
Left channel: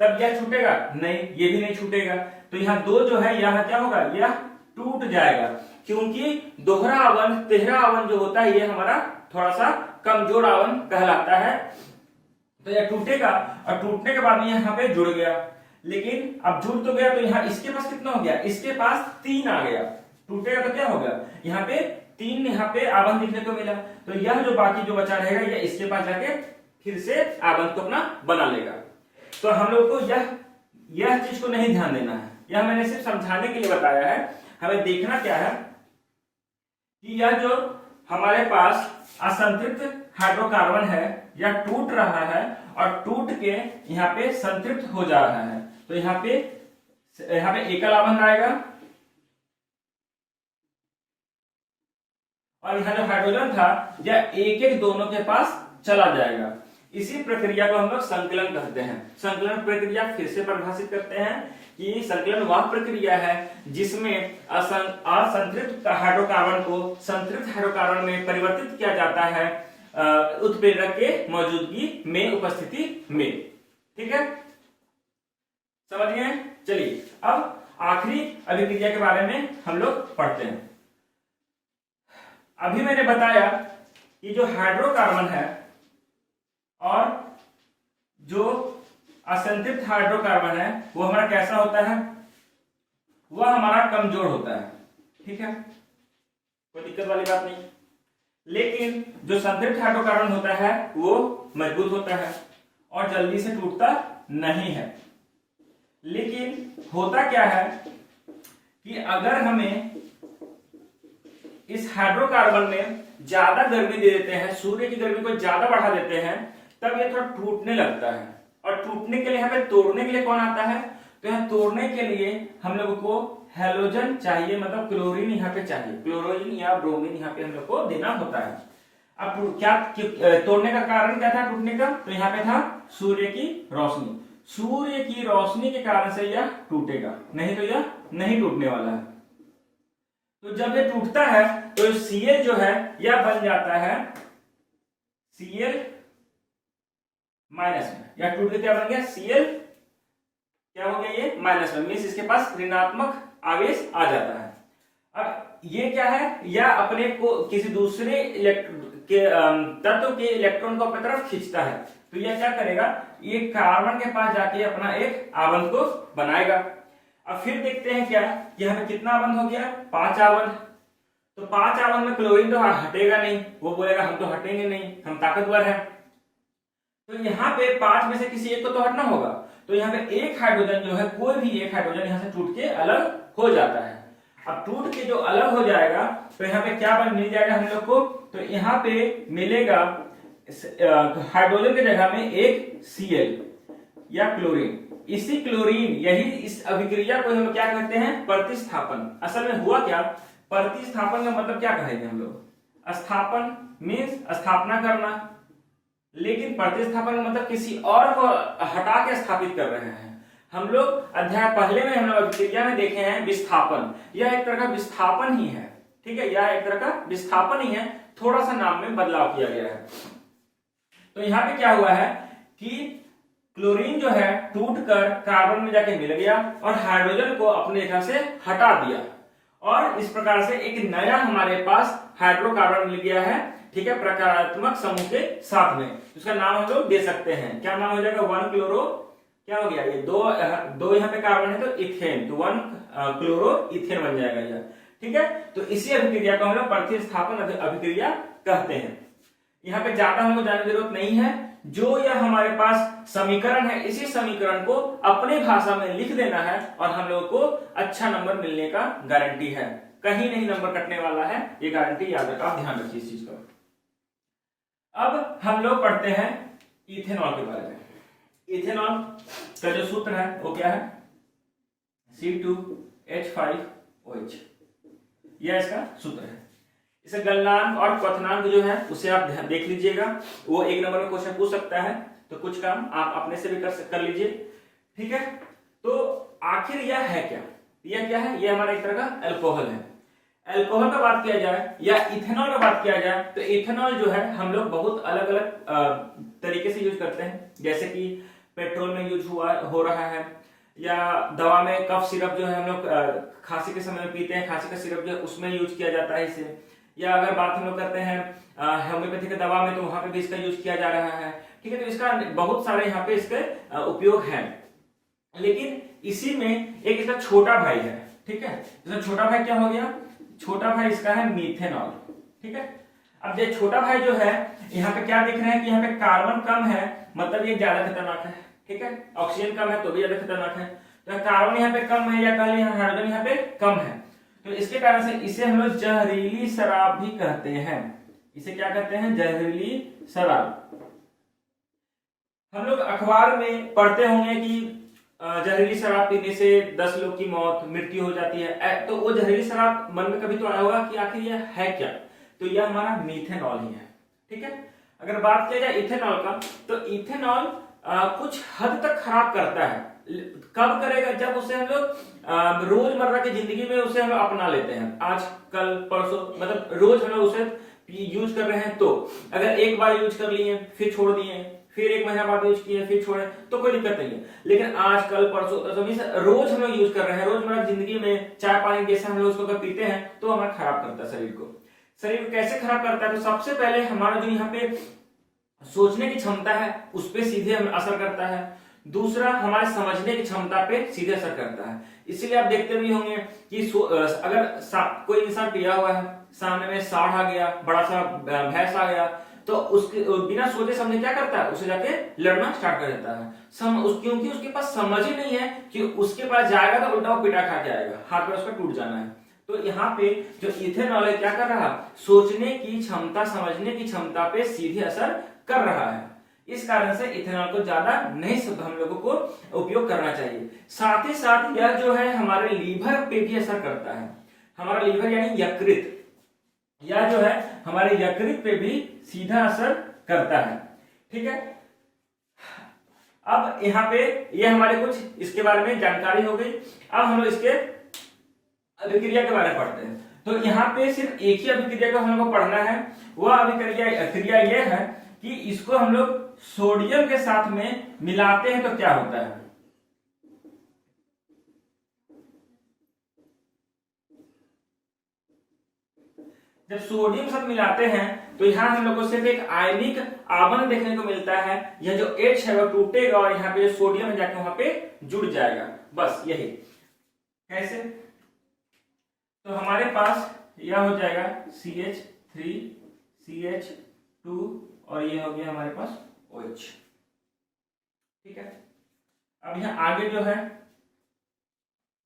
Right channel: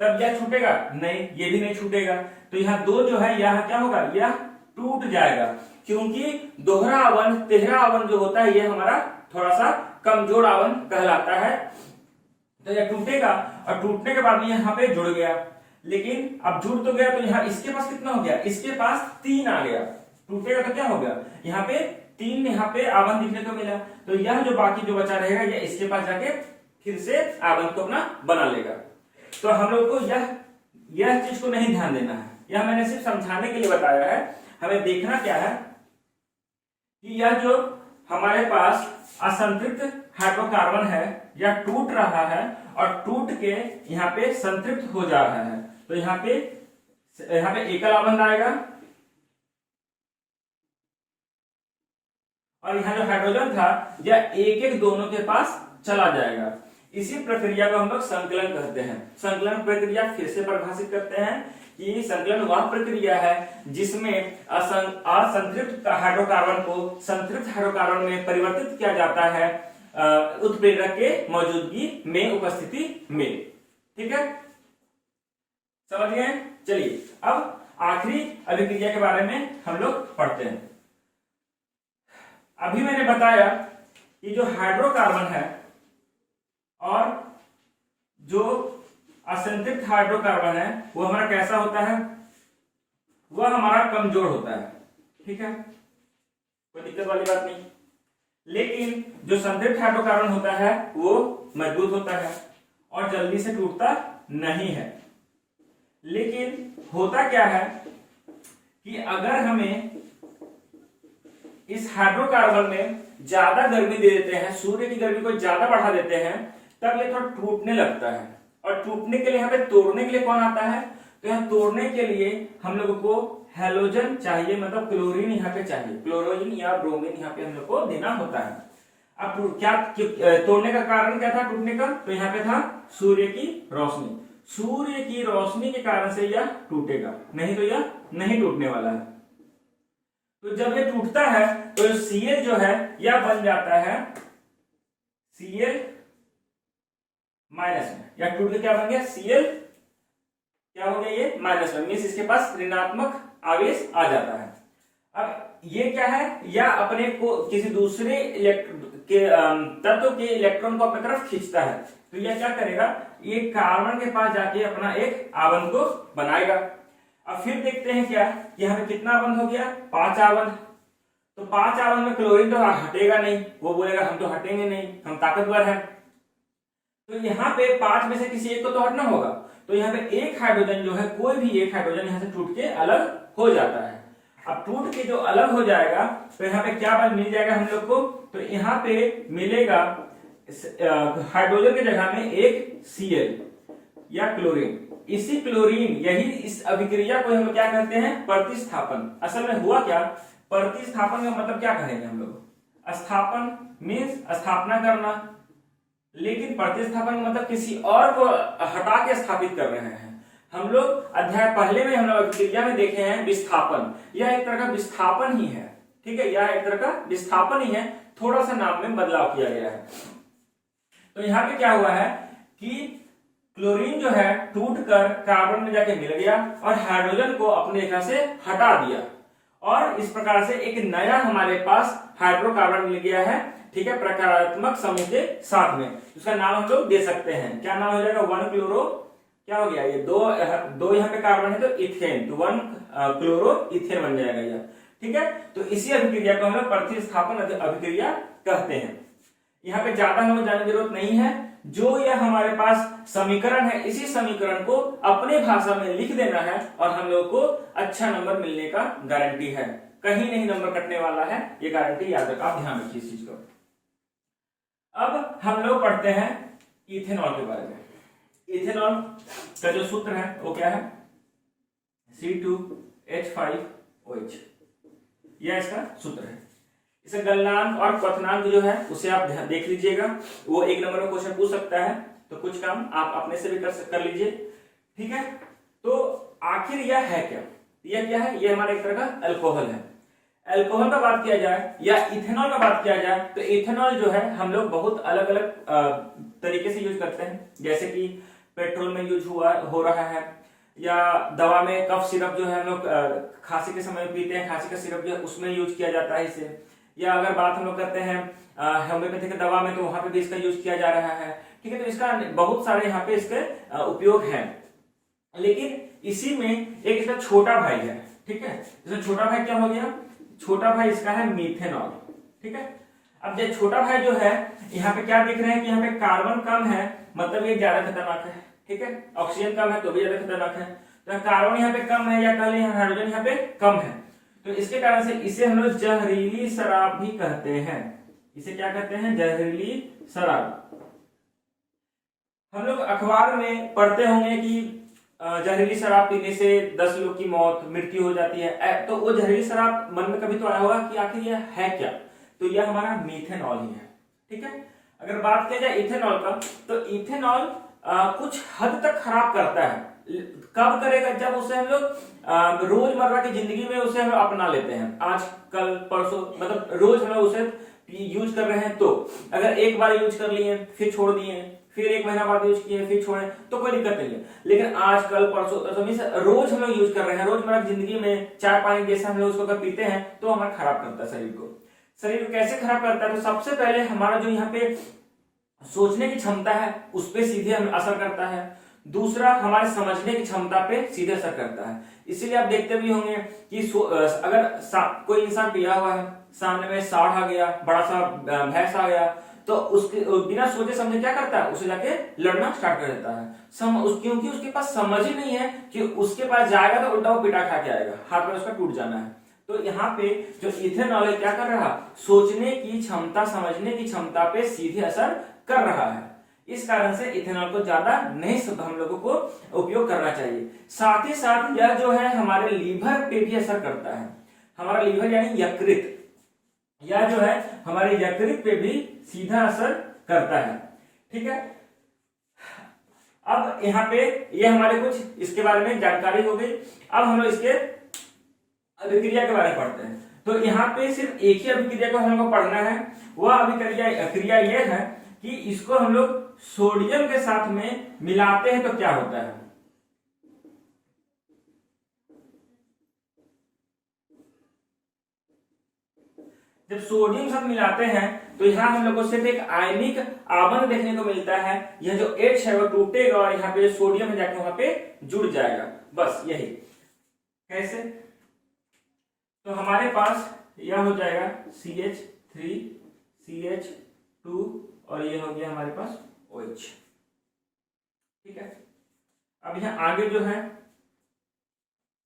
तब यह छूटेगा नहीं, ये भी नहीं छूटेगा, तो यहाँ 2 जो है यह क्या होगा, यह टूट जाएगा, क्योंकि दोहरा आवरण तेहरा आवरण जो होता है ये हमारा थोड़ा सा कमजोर आवरण कहलाता है। तो यह टूटेगा और टूटने के बाद में यहाँ पे जुड़ गया, लेकिन अब जुड़ तो गया, तो यहाँ इसके पास कितना हो गया, इसके पास 3 आ गया। टूटेगा तो क्या होगा, यहाँ पे 3 यहाँ पे आवरण दिखने को मिला, तो यह जो बाकी जो बचा रहेगा यह इसके पास जाके फिर से आवरण को अपना बना लेगा। तो हम लोग को यह चीज को नहीं ध्यान देना है, यह मैंने सिर्फ समझाने के लिए बताया है। हमें देखना क्या है कि यह जो हमारे पास असंतृप्त हाइड्रोकार्बन है यह टूट रहा है और टूट के यहाँ पे संतृप्त हो जा रहा है, तो यहाँ पे एकल आवरण आएगा, और यहाँ जो हाइड्रोजन था यह एक एक दोनों के पास चला जाएगा। इसी प्रक्रिया को हम लोग संकलन कहते हैं। संकलन प्रक्रिया फिर से परिभाषित करते हैं कि संकलन वह प्रक्रिया है जिसमें असंतृप्त हाइड्रोकार्बन को संतृप्त हाइड्रोकार्बन में परिवर्तित किया जाता है उत्प्रेरक के मौजूदगी में, उपस्थिति में। ठीक है, समझ गए? चलिए अब आखिरी अभिक्रिया के बारे में हम लोग पढ़ते हैं। अभी मैंने बताया कि जो हाइड्रोकार्बन है और जो असंतृप्त हाइड्रोकार्बन है वो हमारा कैसा होता है, वह हमारा कमजोर होता है। ठीक है, कोई दिक्कत वाली बात नहीं। लेकिन जो संतृप्त हाइड्रोकार्बन होता है वो मजबूत होता है और जल्दी से टूटता नहीं है। लेकिन होता क्या है कि अगर हमें इस हाइड्रोकार्बन में ज्यादा गर्मी दे देते हैं, सूर्य की गर्मी को ज्यादा बढ़ा देते हैं, तब ये थोड़ा टूटने लगता है। और टूटने के लिए यहाँ पे तोड़ने के लिए कौन आता है, तो यहाँ तोड़ने के लिए हम लोग को हैलोजन चाहिए, मतलब क्लोरीन यहाँ पे चाहिए, क्लोरीन या ब्रोमीन यहाँ पे हम लोग को देना होता है। अब क्या तोड़ने का कारण क्या था टूटने का, तो यहाँ पे था सूर्य की रोशनी। सूर्य की रोशनी के कारण से यह टूटेगा, नहीं तो यह नहीं टूटने वाला है। तो जब ये टूटता है तो Cl जो है यह बन जाता है Cl माइनस में, या टूट के क्या बन गया, Cl क्या हो गया, ये माइनस में, मीन्स इसके पास ऋणात्मक आवेश आ जाता है। अब ये क्या है, या अपने को किसी दूसरे तत्व के इलेक्ट्रॉन को अपनी तरफ खींचता है। तो यह क्या करेगा, ये कार्बन के पास जाके अपना एक आबंध को बनाएगा। अब फिर देखते हैं क्या, यहाँ पे कितना आबंध हो गया, 5 आबंध। तो 5 आबंध में क्लोरीन तो हटेगा नहीं, वो बोलेगा हम तो हटेंगे नहीं, हम ताकतवर हैं। तो यहाँ पे 5 में से किसी एक को तो हटना होगा। तो यहाँ पे एक हाइड्रोजन जो है, कोई भी एक हाइड्रोजन यहाँ से टूट के अलग हो जाता है। अब टूट के जो अलग हो जाएगा तो यहाँ पे क्या मिल जाएगा हम लोग को, तो यहाँ पे मिलेगा हाइड्रोजन की जगह में एक Cl या क्लोरीन। इसी क्लोरीन, यही इस अभिक्रिया को हम क्या कहते हैं, प्रतिस्थापन। असल में हुआ क्या, प्रतिस्थापन का मतलब क्या कहेंगे हम लोग, स्थापन मीन्स स्थापना करना, लेकिन प्रतिस्थापन मतलब किसी और को हटा के स्थापित कर रहे हैं। हम लोग अध्याय पहले में हम लोग अभिक्रिया में देखे हैं विस्थापन, यह एक तरह का विस्थापन ही है। ठीक है, यह एक तरह का विस्थापन ही है, थोड़ा सा नाम में बदलाव किया गया है। तो यहाँ पे क्या हुआ है कि क्लोरीन जो है टूटकर कार्बन में जाके मिल गया और हाइड्रोजन को अपने जगह से हटा दिया, और इस प्रकार से एक नया हमारे पास हाइड्रोकार्बन मिल गया है। ठीक है, प्रकारात्मक समूह के साथ में, उसका नाम हम लोग दे सकते हैं, क्या नाम हो जाएगा, 1 क्लोरो, क्या हो गया, ये दो यहाँ पे कार्बन है तो इथेन, तो 1 क्लोरो इथेन बन जाएगा यह। ठीक है, तो इसी अभिक्रिया को हम लोग प्रतिस्थापन अभिक्रिया कहते हैं। यहाँ पे ज्यादा हमें जानने की जरूरत नहीं है, जो यह हमारे पास समीकरण है, इसी समीकरण को अपने भाषा में लिख देना है और हम लोगों को अच्छा नंबर मिलने का गारंटी है, कहीं नहीं नंबर कटने वाला है, ये गारंटी याद रखा, ध्यान रखिए इस चीज को। अब हम लोग पढ़ते हैं इथेनॉल के बारे में। इथेनॉल का जो सूत्र है वो क्या है, C2H5OH, यह इसका सूत्र है। इसे गलनांक और क्वथनांक जो है उसे आप देख लीजिएगा, वो 1 नंबर में क्वेश्चन पूछ सकता है, तो कुछ काम आप अपने से भी कर लीजिए। ठीक है, तो आखिर यह है क्या, यह क्या है, यह हमारा एक तरह का अल्कोहल है। अल्कोहल का बात किया जाए या इथेनॉल का बात किया जाए तो इथेनॉल जो है हम लोग बहुत अलग अलग तरीके से यूज करते हैं, जैसे कि पेट्रोल में यूज हो रहा है, या दवा में कफ सिरप जो है हम लोग खांसी के समय पीते हैं, खांसी का सिरप जो है उसमें यूज किया जाता है इसे। या अगर बात हम लोग करते हैं होम्योपैथिक दवा में, तो वहां पे भी इसका यूज किया जा रहा है। ठीक है, तो इसका बहुत सारे यहाँ पे इसके उपयोग है। लेकिन इसी में एक इसका छोटा भाई है। ठीक है, इसका छोटा भाई क्या हो गया, छोटा भाई इसका है मीथेनॉल। ठीक है, अब ये छोटा भाई जो है, यहाँ पे क्या देख रहे हैं कि यहाँ पे कार्बन कम है, मतलब ये ज्यादा खतरनाक है। ठीक है, ऑक्सीजन कम है तो भी ज्यादा खतरनाक है, तो कार्बन यहाँ पे कम है, या कल यहाँ हाइड्रोजन यहाँ पे कम है, तो इसके कारण से इसे हम लोग जहरीली शराब भी कहते हैं। इसे क्या कहते हैं, जहरीली शराब। हम लोग अखबार में पढ़ते होंगे कि जहरीली शराब पीने से 10 लोग की मृत्यु हो जाती है, तो वो जहरीली शराब मन में कभी तो आया होगा कि आखिर यह है क्या, तो यह हमारा मीथेनॉल ही है। ठीक है, अगर बात किया जाए इथेनॉल का, तो इथेनॉल कुछ हद तक खराब करता है। कब करेगा? जब उसे हम लोग रोजमर्रा की जिंदगी में उसे हम लोग अपना लेते हैं, आज कल परसों, मतलब रोज हम लोग उसे यूज कर रहे हैं। तो अगर एक बार यूज कर लिए फिर छोड़ दिए, फिर एक महीना बाद यूज किए फिर छोड़े, तो कोई दिक्कत नहीं है। लेकिन आज कल परसों रोज हम लोग यूज कर रहे हैं, रोजमर्रा की जिंदगी में चाय पानी जैसे हम लोग उसको अगर पीते हैं तो हमारा खराब करता है शरीर को। शरीर को कैसे खराब करता है? तो सबसे पहले हमारा जो यहाँ पे सोचने की क्षमता है उस पर सीधे हमें असर करता है। दूसरा, हमारे समझने की क्षमता पे सीधे असर करता है। इसीलिए आप देखते भी होंगे कि अगर कोई इंसान पिया हुआ है, सामने में सांड आ गया, बड़ा सा भैंस आ गया, तो उसके बिना सोचे समझे क्या करता है? उसे जाके लड़ना स्टार्ट कर देता है। क्योंकि उसके पास समझ ही नहीं है कि उसके पास जाएगा तो उल्टा वो पिटा खा के आएगा, हाथ में उसका टूट जाना है। तो यहाँ पे जो इथेनॉल है क्या कर रहा? सोचने की क्षमता, समझने की क्षमता पे सीधे असर कर रहा है। इस कारण से इथेनॉल को ज्यादा नहीं हम लोगों को उपयोग करना चाहिए। साथ ही साथ यह जो है हमारे लीवर पे भी असर करता है। हमारा लीवर यानी यकृत, यह जो है हमारे यकृत पे भी सीधा असर करता है। ठीक है, अब यहाँ पे ये हमारे कुछ इसके बारे में जानकारी हो गई। अब हम लोग इसके अभिक्रिया के बारे में पढ़ते हैं। तो यहाँ पे सिर्फ एक ही अभिक्रिया को हम लोग को पढ़ना है। वह अभिक्रिया यह है कि इसको हम लोग सोडियम के साथ में मिलाते हैं तो क्या होता है। जब सोडियम के साथ मिलाते हैं तो यहाँ हम लोग को सिर्फ एक आयनिक आवरण देखने को मिलता है। यह जो H है वो टूटेगा और यहाँ पे सोडियम है जाके वहां पे जुड़ जाएगा, बस यही। कैसे? तो हमारे पास यह हो जाएगा CH3 CH2 और ये हो गया हमारे पास OH। ठीक है, अब यहाँ आगे जो है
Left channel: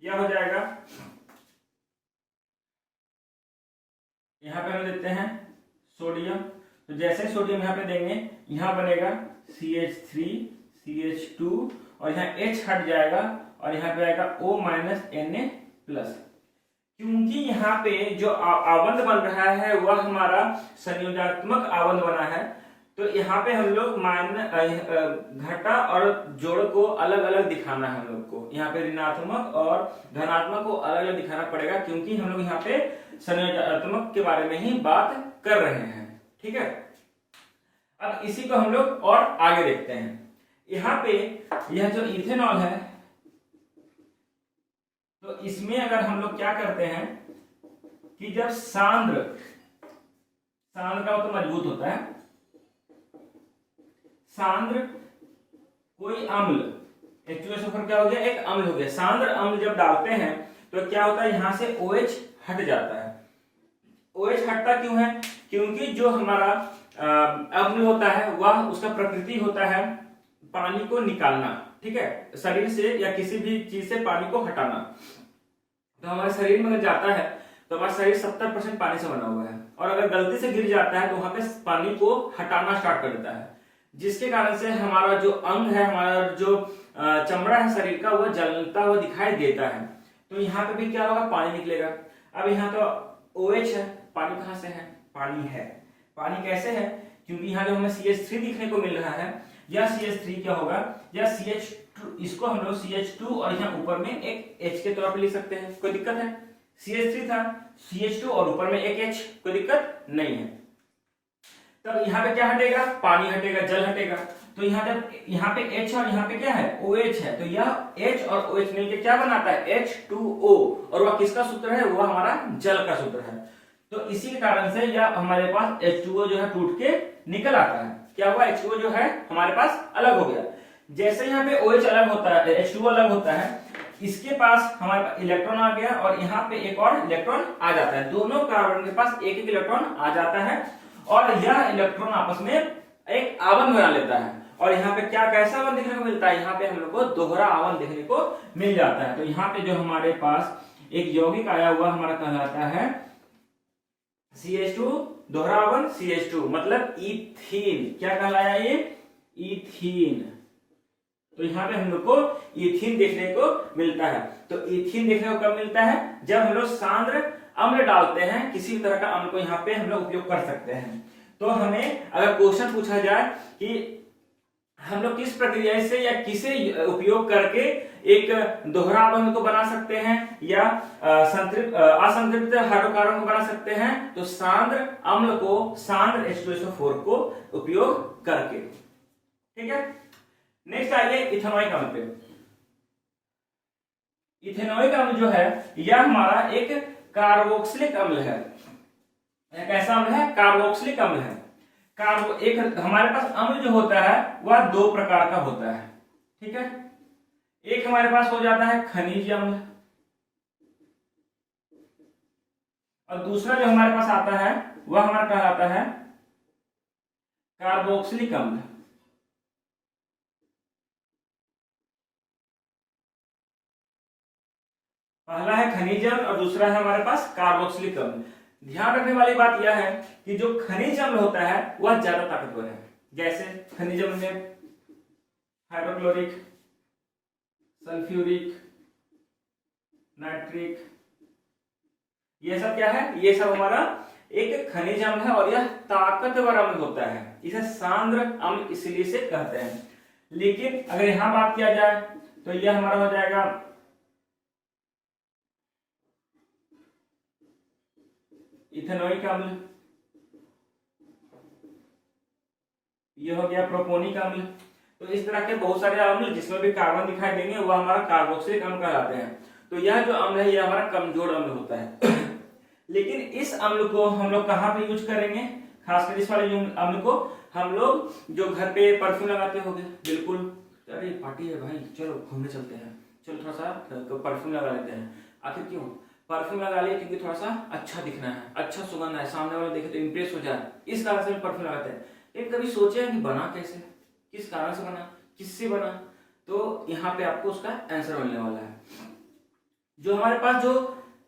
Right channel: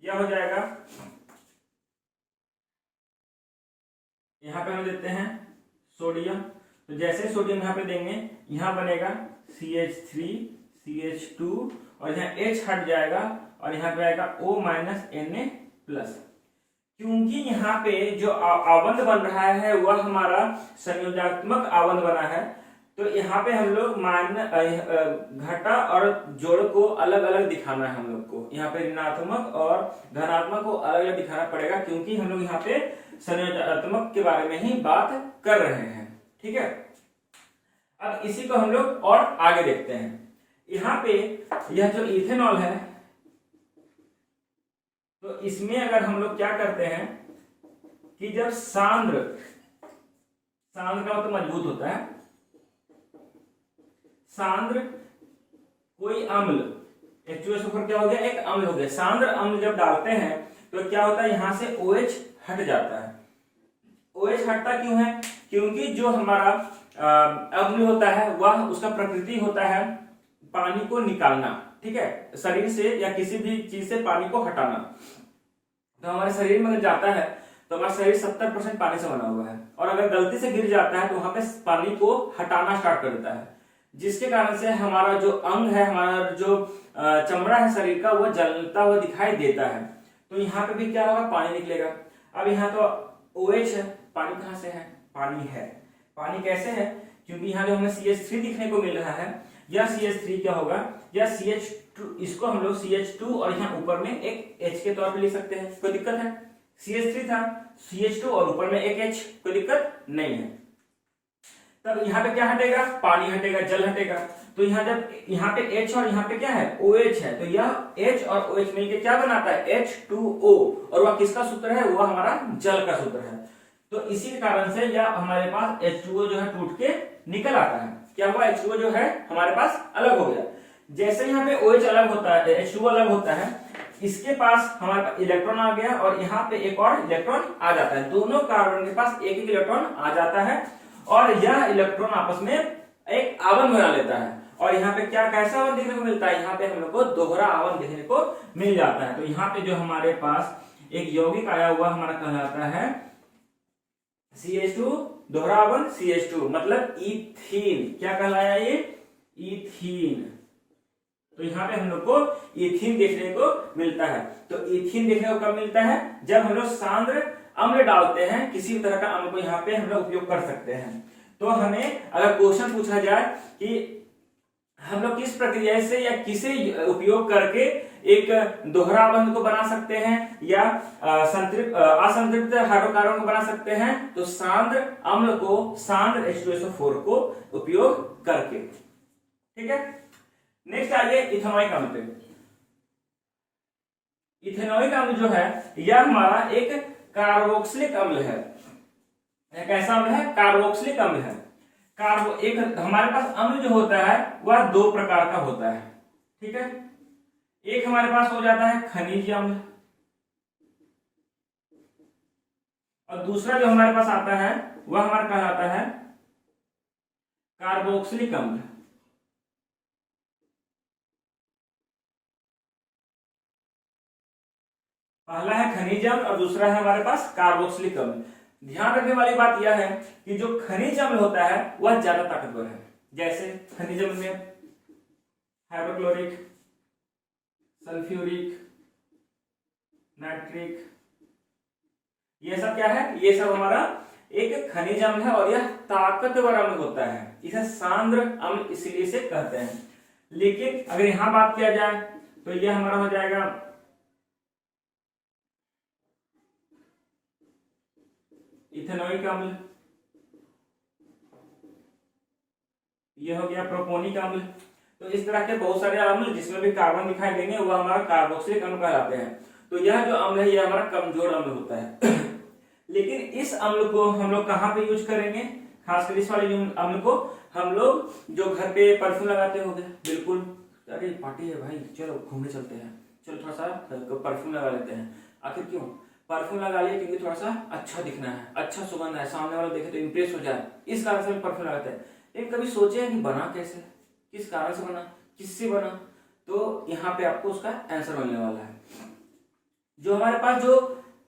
यह हो जाएगा, यहाँ पे हम देते हैं सोडियम। तो जैसे सोडियम यहाँ पे देंगे, यहाँ बनेगा CH3 CH2 और यहाँ H हट जाएगा और यहाँ पे आएगा O Na+। क्योंकि यहाँ पे जो आवंध बन रहा है वह हमारा संयोजनात्मक आवंध बना है, तो यहाँ पे हम लोग घटा और जोड़ को अलग अलग दिखाना है। हम लोग को यहाँ पे ऋणात्मक और धनात्मक को अलग अलग दिखाना पड़ेगा, क्योंकि हम लोग यहाँ पे संयोजनात्मक के बारे में ही बात कर रहे हैं। ठीक है, अब इसी को हम लोग और आगे देखते हैं। यहाँ पे यह जो इथेनॉल है, तो इसमें अगर हम लोग क्या करते हैं कि जब सांद्र का मतलब मजबूत होता है, सांद्र कोई अम्ल, H2SO4 क्या हो गया? एक अम्ल हो गया। सांद्र अम्ल जब डालते हैं तो क्या होता है? यहां से OH हट जाता है। OH हटता क्यों है? क्योंकि जो हमारा अम्ल होता है वह उसका प्रकृति होता है पानी को निकालना। ठीक है, शरीर से या किसी भी चीज से पानी को हटाना। तो हमारे शरीर में अगर जाता है तो हमारा शरीर 70% पानी से बना हुआ है, और अगर गलती से गिर जाता है तो वहां पे पानी को हटाना स्टार्ट कर देता है, जिसके कारण से हमारा जो अंग है, हमारा जो चमड़ा है शरीर का, वह जलता हुआ दिखाई देता है। तो यहाँ पे भी क्या होगा? पानी निकलेगा। अब यहाँ तो OH है, पानी कहाँ से है? पानी है। पानी कैसे है? क्योंकि यहाँ जो हमें CH3 दिखने को मिल रहा है, यह CH3 क्या होगा? यह CH2, इसको हम लोग CH2 और यहाँ ऊपर में एक H के तौर पे लिख सकते हैं। कोई दिक्कत है? CH3 था, CH2 और ऊपर में एक H, कोई दिक्कत नहीं है। तब यहाँ पे क्या हटेगा? पानी हटेगा, जल हटेगा। तो यहाँ पे H और यहाँ पे क्या है? OH है। तो यह H और OH मिलकर क्या बनाता है? H2O, और वह किसका सूत्र है? वह हमारा जल का सूत्र है। तो इसी कारण से यह हमारे पास H2O जो है टूट के निकल आता है। क्या हुआ? H2O जो है हमारे पास अलग हो गया। जैसे यहाँ पे OH अलग होता है, H2O अलग होता है, इसके पास हमारे पास इलेक्ट्रॉन आ गया और यहाँ पे एक और इलेक्ट्रॉन आ जाता है। दोनों कार्बन के पास एक एक इलेक्ट्रॉन आ जाता है और यह इलेक्ट्रॉन आपस में एक आवरण बना लेता है। और यहाँ पे क्या कैसा आवरण देखने को मिलता है? यहाँ पे हम लोग को दोहरा आवरण देखने को मिल जाता है। तो यहाँ पे जो हमारे पास एक यौगिक आया हुआ हमारा कहलाता है CH2, दोहरा आवरण CH2, मतलब इथीन। क्या कहलाया ये? इथीन। तो यहाँ पे हम लोग को इथीन देखने को मिलता है। तो इथीन देखने को कब मिलता है? जब हम लोग सांद्र अम्ल डालते हैं, किसी भी तरह का अम्ल को यहाँ पे हम लोग उपयोग कर सकते हैं। तो हमें अगर क्वेश्चन पूछा जाए कि हम लोग किस प्रक्रिया से या किसे उपयोग करके एक दोहरा बंध को बना सकते हैं या असंतृप्त हाइड्रोकार्बन को बना सकते हैं, तो सांद्र अम्ल को, सांद्र H2SO4 को उपयोग करके। ठीक है, नेक्स्ट आइए इथेनॉइक अम्ल पे। इथेनॉइक अम्ल जो है यह हमारा एक कार्बोक्सिलिक अम्ल है। कैसा अम्ल है? कार्बोक्सिलिक अम्ल है। एक हमारे पास अम्ल जो होता है वह दो प्रकार का होता है। ठीक है, एक हमारे पास हो जाता है खनिज अम्ल, और दूसरा जो हमारे पास आता है वह हमारा कहलाता है कार्बोक्सिलिक अम्ल। पहला है खनिज अम्ल और दूसरा है हमारे पास कार्बोक्सिलिक अम्ल। ध्यान रखने वाली बात यह है कि जो खनिज अम्ल होता है वह ज्यादा ताकतवर है। जैसे खनिज अम्ल में हाइड्रोक्लोरिक, सल्फ्यूरिक, नाइट्रिक, ये सब क्या है? ये सब हमारा एक खनिज अम्ल है और यह ताकतवर अम्ल होता है। इसे सांद्र अम्ल इसलिए से कहते हैं। लेकिन अगर यहां बात किया जाए तो यह हमारा हो जाएगा इथेनोइक अम्ल, यह हो गया प्रोपोनिक अम्ल। तो इस तरह के बहुत सारे अम्ल जिसमें भी कार्बन दिखाई देंगे वह हमारा कार्बोक्सिलिक अम्ल कहलाते हैं। तो यह जो अम्ल है यह हमारा कमजोर अम्ल होता है। लेकिन इस अम्ल को हम लोग कहां पे यूज करेंगे? खासकर इस वाले अम्ल को हम लोग जो घर पे परफ्यूम लगाते होंगे, बिल्कुल, अरे पार्टी है भाई, चलो घूमने चलते हैं, चलो थोड़ा सा परफ्यूम लगा लेते हैं। आखिर क्यों परफ्यूम लगा लिया? क्योंकि थोड़ा सा अच्छा दिखना है, अच्छा सुगंध है, सामने वाला देखे तो इंप्रेस हो जाए, इस कारण से परफ्यूम लगाते हैं। लेकिन कभी सोचे हैं कि बना कैसे, किस कारण से बना, किससे बना? तो यहाँ पे आपको उसका आंसर मिलने वाला है। जो हमारे पास जो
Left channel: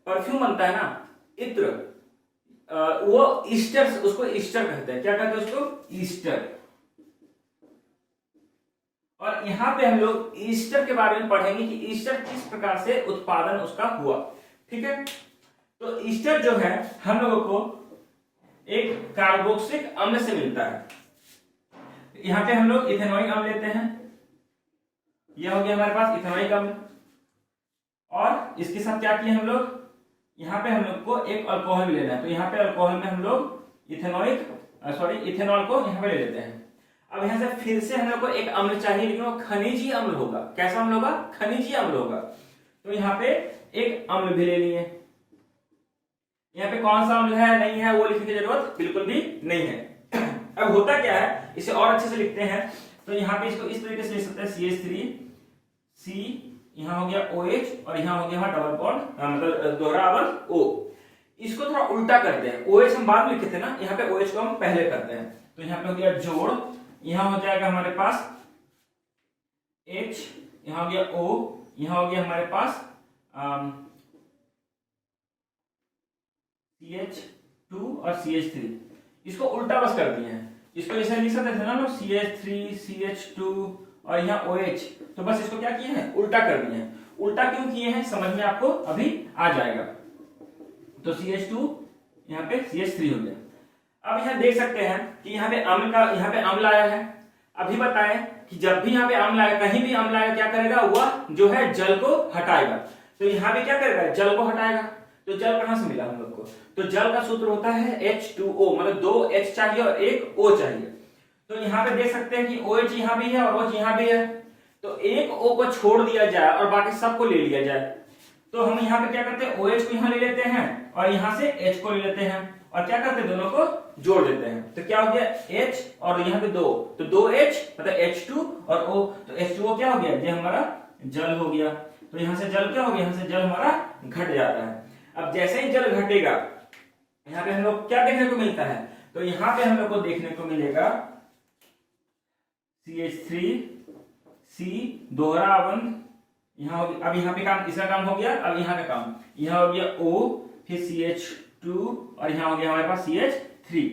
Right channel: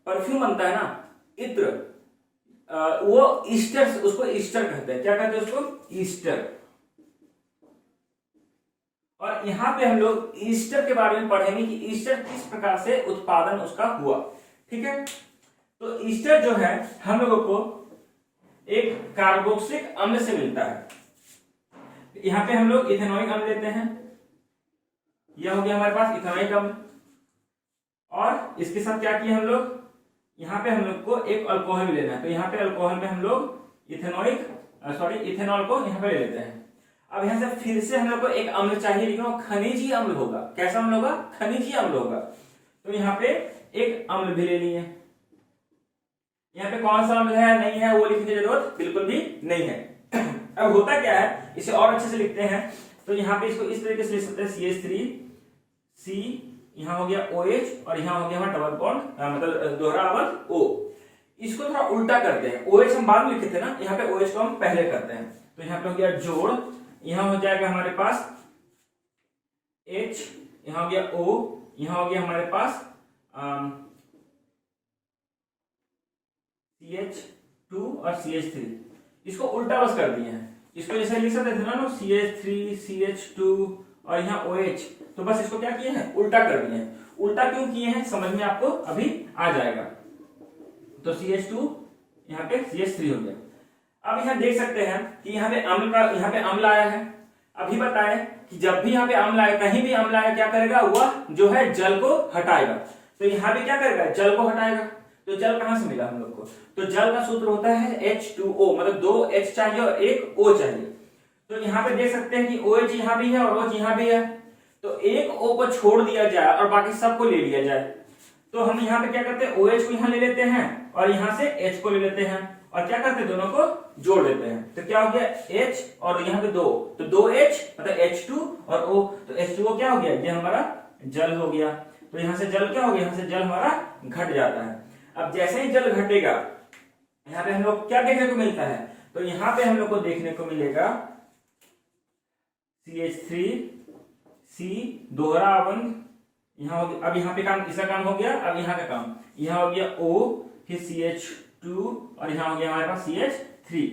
परफ्यूम बनता है ना, इत्र, वो ईस्टर, उसको ईस्टर कहते हैं। क्या कहते हैं उसको? ईस्टर। और यहाँ पे हम लोग ईस्टर के बारे में पढ़ेंगे कि ईस्टर किस प्रकार से उत्पादन उसका हुआ। ठीक है, तो ईस्टर जो है हम लोगों को एक कार्बोक्सिलिक अम्ल से मिलता है। यहाँ पे हम लोग इथेनॉइक अम्ल लेते हैं, यह हो गया हमारे पास इथेनॉइक अम्ल। और इसके साथ क्या किए हम लोग? यहाँ पे हम लोग को एक अल्कोहल भी लेना है। तो यहाँ पे अल्कोहल में हम लोग इथेनॉल को यहाँ पे ले लेते हैं। अब यहाँ से फिर से हम लोग को एक अम्ल चाहिए, लेकिन वो खनिजी अम्ल होगा। कैसा अम्ल होगा? खनिजी अम्ल होगा। तो यहाँ पे एक अम्ल भी ले लिए। यहाँ पे कौन सा अम्ल है, नहीं है, वो लिखने की जरूरत बिल्कुल भी नहीं है। अब होता क्या है, इसे और अच्छे से लिखते हैं। तो यहाँ पे इसको इस तरीके से लिख सकते हैं, CH3, यहाँ हो गया OH और यहाँ हो गया हमारा डबल बॉन्ड, मतलब दोहरा बॉन्ड O। इसको थोड़ा उल्टा करते हैं। OH हम बाद में लिखे थे ना, यहाँ पे OH को हम पहले करते हैं। तो यहाँ पे हो गया जोड़, यहाँ हो जाएगा हमारे पास H, यहाँ हो गया O, यहाँ हो गया हमारे पास CH2 और CH3। इसको उल्टा बस कर दिए हैं। इसको ऐसे लिख सकते थे ना, CH3, CH2 और यहाँ OH। तो बस इसको क्या किए हैं? उल्टा कर दिए हैं। उल्टा क्यों किए हैं समझ में आपको अभी आ जाएगा। तो CH2 यहाँ पे CH3 हो गया। अब यहाँ देख सकते हैं कि यहाँ पे अम्ल आया है। अभी बताएं कि जब भी यहाँ पे अम्ल आए, कहीं भी अम्ल आए, क्या करेगा? वह जो है जल को हटाएगा। तो यहाँ पे क्या करेगा? जल को हटाएगा। तो जल कहां से मिला हम लोग को? तो जल का सूत्र होता है H2O, मतलब 2 H चाहिए और 1 O चाहिए। तो यहाँ पे देख सकते हैं कि OH यहाँ भी है और OH यहाँ भी है। तो एक O को छोड़ दिया जाए और बाकी सबको ले लिया जाए। तो हम यहाँ पे क्या करते हैं? OH को यहाँ ले लेते हैं और यहाँ से H को ले लेते हैं और क्या करते हैं? दोनों को जोड़ देते हैं। तो क्या हो गया? H और यहाँ पे 2, तो 2H मतलब H2 और O। तो H2O क्या हो गया? ये हमारा जल हो गया। तो यहाँ से जल क्या हो गया? यहाँ से जल हमारा घट जाता है। अब जैसे ही जल घटेगा, यहाँ पे हम लोग क्या देखने को मिलता है? तो यहाँ पे हम लोग को देखने को मिलेगा CH3C दोहरा बंध। यहाँ अब यहाँ पे काम, इसका काम हो गया। अब यहाँ का काम, यहाँ हो गया O, फिर CH2 और यहाँ हो गया हमारे पास CH3।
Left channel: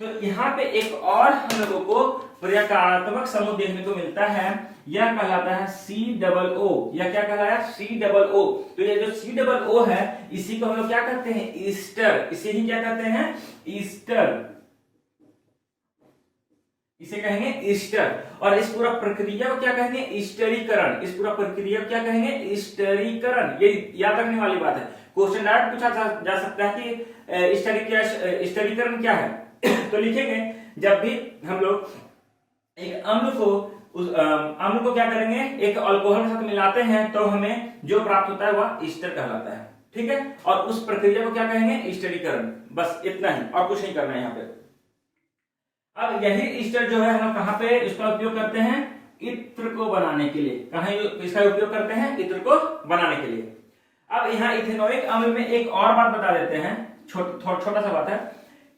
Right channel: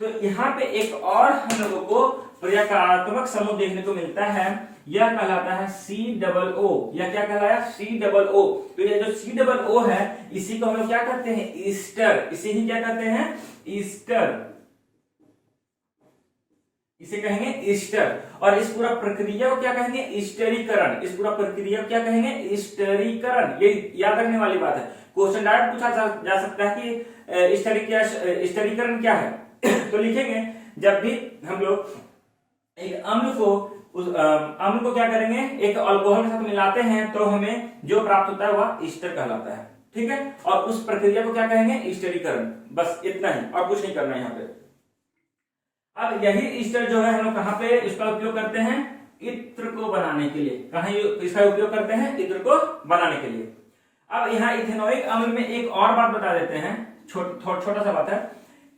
तो यहाँ पे एक और हम लोगों को प्रकारात्मक समूह देखने को मिलता है, यह कहलाता है COO। यह क्या कहलाया? COO। तो ये जो COO है, इसी को हम लोग क्या कहते हैं? ईस्टर। इसे ही क्या कहते हैं? ईस्टर। इसे कहेंगे स्टर। और इस पूरा प्रक्रिया को क्या कहेंगे? स्टरीकरण। इस पूरा प्रक्रिया को क्या कहेंगे? स्टरीकरण। ये याद रखने वाली बात है, क्वेश्चन डायरेक्ट पूछा जा सकता है कि स्टरीकरण क्या है। तो लिखेंगे जब भी हम लोग एक अम्ल को उस अम्ल को क्या करेंगे, एक अल्कोहल के साथ मिलाते हैं तो हमें जो प्राप्त होता है वह ईस्टर कहलाता है। ठीक है, और उस प्रक्रिया को क्या कहेंगे? स्टरीकरण। बस इतना ही, और कुछ नहीं करना है यहाँ पे। अब यही ईस्टर जो है हम कहाँ पे इसका उपयोग करते हैं? इत्र को बनाने के लिए। कहाँ इसका उपयोग करते हैं? इत्र को बनाने के लिए। अब यहाँ इथेनोइक अम्ल में एक और बात बता देते हैं, छोटा सा बात है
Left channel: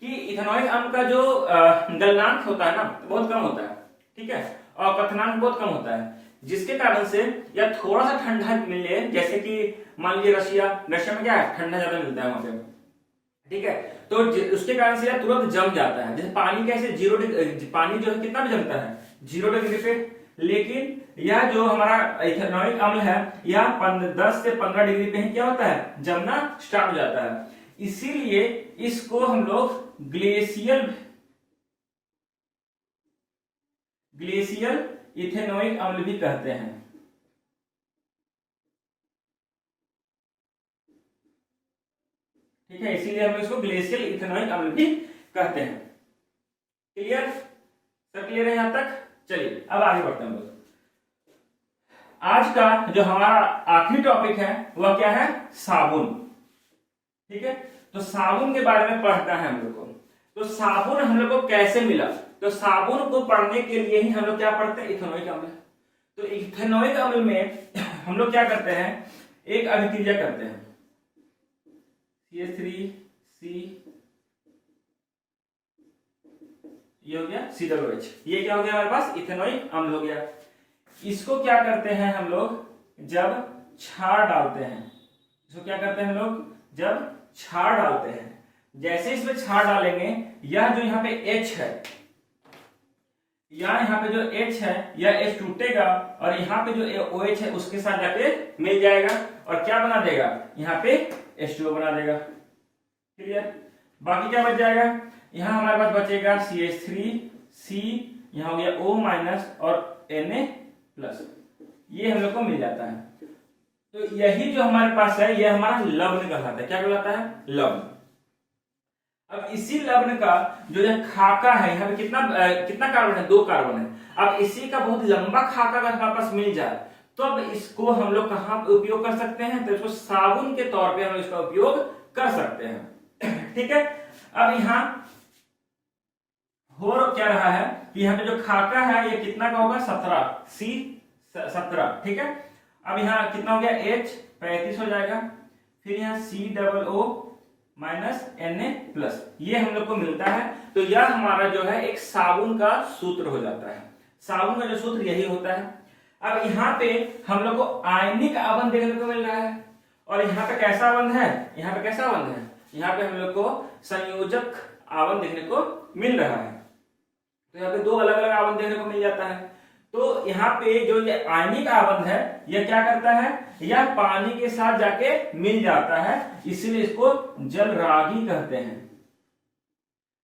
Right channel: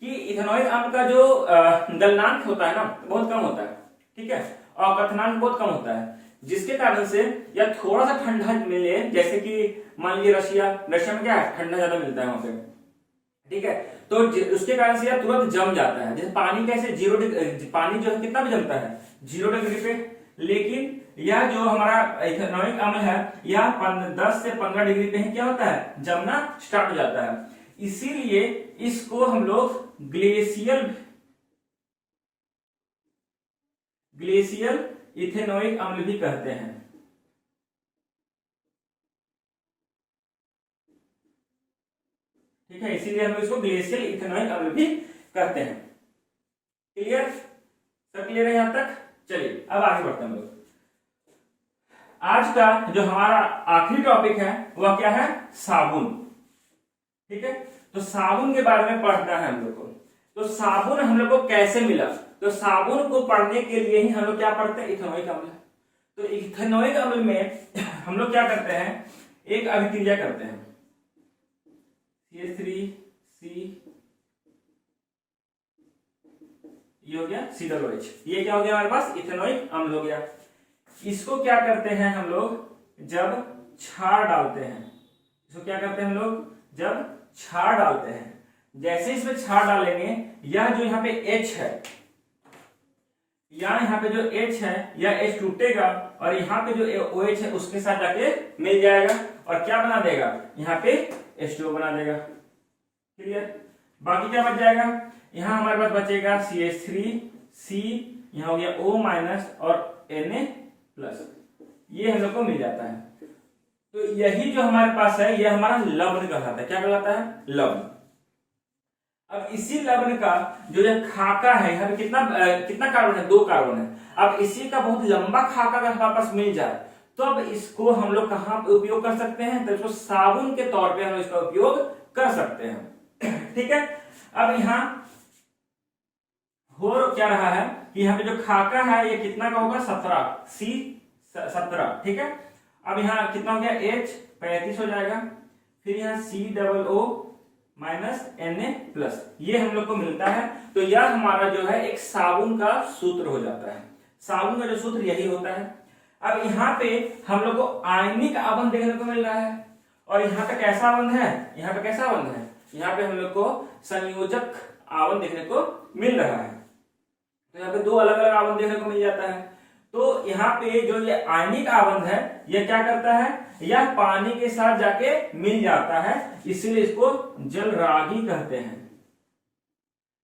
कि इथेनोइक अम्ल का जो गलनांक होता है ना, बहुत कम होता है। ठीक है, और कथनांक बहुत कम होता है, जिसके कारण से या थोड़ा सा ठंडा मिले, जैसे कि मान लीजिए रशिया में क्या है, ठंडा ज्यादा मिलता है वहां पे। ठीक है, तो उसके कारण से यह तुरंत जम जाता है। जैसे पानी कैसे 0 डिग्री, पानी जो है कितना भी जमता है 0 डिग्री पे, लेकिन यह जो हमारा इथेनोइक अम्ल है यह 10 से 15 डिग्री पे ही क्या होता है? जमना स्टार्ट हो जाता है। इसीलिए इसको हम लोग ग्लेशियल इथेनोइक अम्ल भी कहते हैं। ठीक है, इसीलिए हम इसको ग्लेशियल इथेनोइक अम्ल भी कहते हैं। क्लियर? सब क्लियर है यहां तक? चलिए अब आगे बढ़ते हैं हम लोग। आज का जो हमारा आखिरी टॉपिक है वह क्या है? साबुन। ठीक है, तो साबुन के बारे में पढ़ना है हम लोग को। तो साबुन हम लोग को कैसे मिला? तो साबुन को पढ़ने के लिए ही हम लोग क्या पढ़ते हैं? इथेनोइक अम्ल। तो इथेनोइक अम्ल में हम लोग क्या करते हैं? एक अभिक्रिया करते हैं, CH3C, ये हो गया COOH। ये क्या हो गया हमारे पास? इथेनोइक अम्ल हो गया। इसको क्या करते हैं हम लोग? जब क्षार डालते हैं, इसको क्या करते हैं हम लोग? जब क्षार डालते हैं, जैसे इसमें क्षार डालेंगे, यह जो यहाँ पे H है, यहाँ पे जो H है यह H टूटेगा और यहाँ पे जो OH है उसके साथ जाके मिल जाएगा और क्या बना देगा? यहाँ पे H2O बना देगा। क्लियर? बाकी क्या बच जाएगा? यहाँ हमारे पास बचेगा CH3C, यहाँ हो गया O- और Na+, ये हम लोग को मिल जाता है। तो यही जो हमारे पास है यह हमारा लवण कहलाता है। क्या कहलाता है? लवण। अब इसी लवण का जो यह खाका है, यहाँ पे कितना कार्बन है? 2 कार्बन है। अब इसी का बहुत लंबा खाका अगर हमारे पास मिल जाए तो अब इसको हम लोग कहाँ पे उपयोग कर सकते हैं? तो इसको साबुन के तौर पे हम इसका उपयोग कर सकते हैं। ठीक है, अब यहाँ हो क्या रहा है कि यहाँ पे जो खाका है ये कितना का होगा? 17। ठीक है, अब यहाँ कितना हो गया? H 35 हो जाएगा, फिर यहाँ COO- Na+, ये हम लोग को मिलता है। तो यह हमारा जो है एक साबुन का सूत्र हो जाता है। साबुन का जो सूत्र यही होता है। अब यहाँ पे हम लोग को आयनिक आबंध देखने को मिल रहा है, और यहाँ पे कैसा आबंध है? यहाँ पे कैसा आबंध है? यहाँ पे हम लोग को संयोजक आबंध देखने को मिल रहा है। तो यहाँ पे 2 अलग अलग आबंध देखने को मिल जाता है। तो यहाँ पे जो ये आयनिक आबंध है यह क्या करता है? यह पानी के साथ जाके मिल जाता है, इसलिए इसको जलरागी कहते हैं।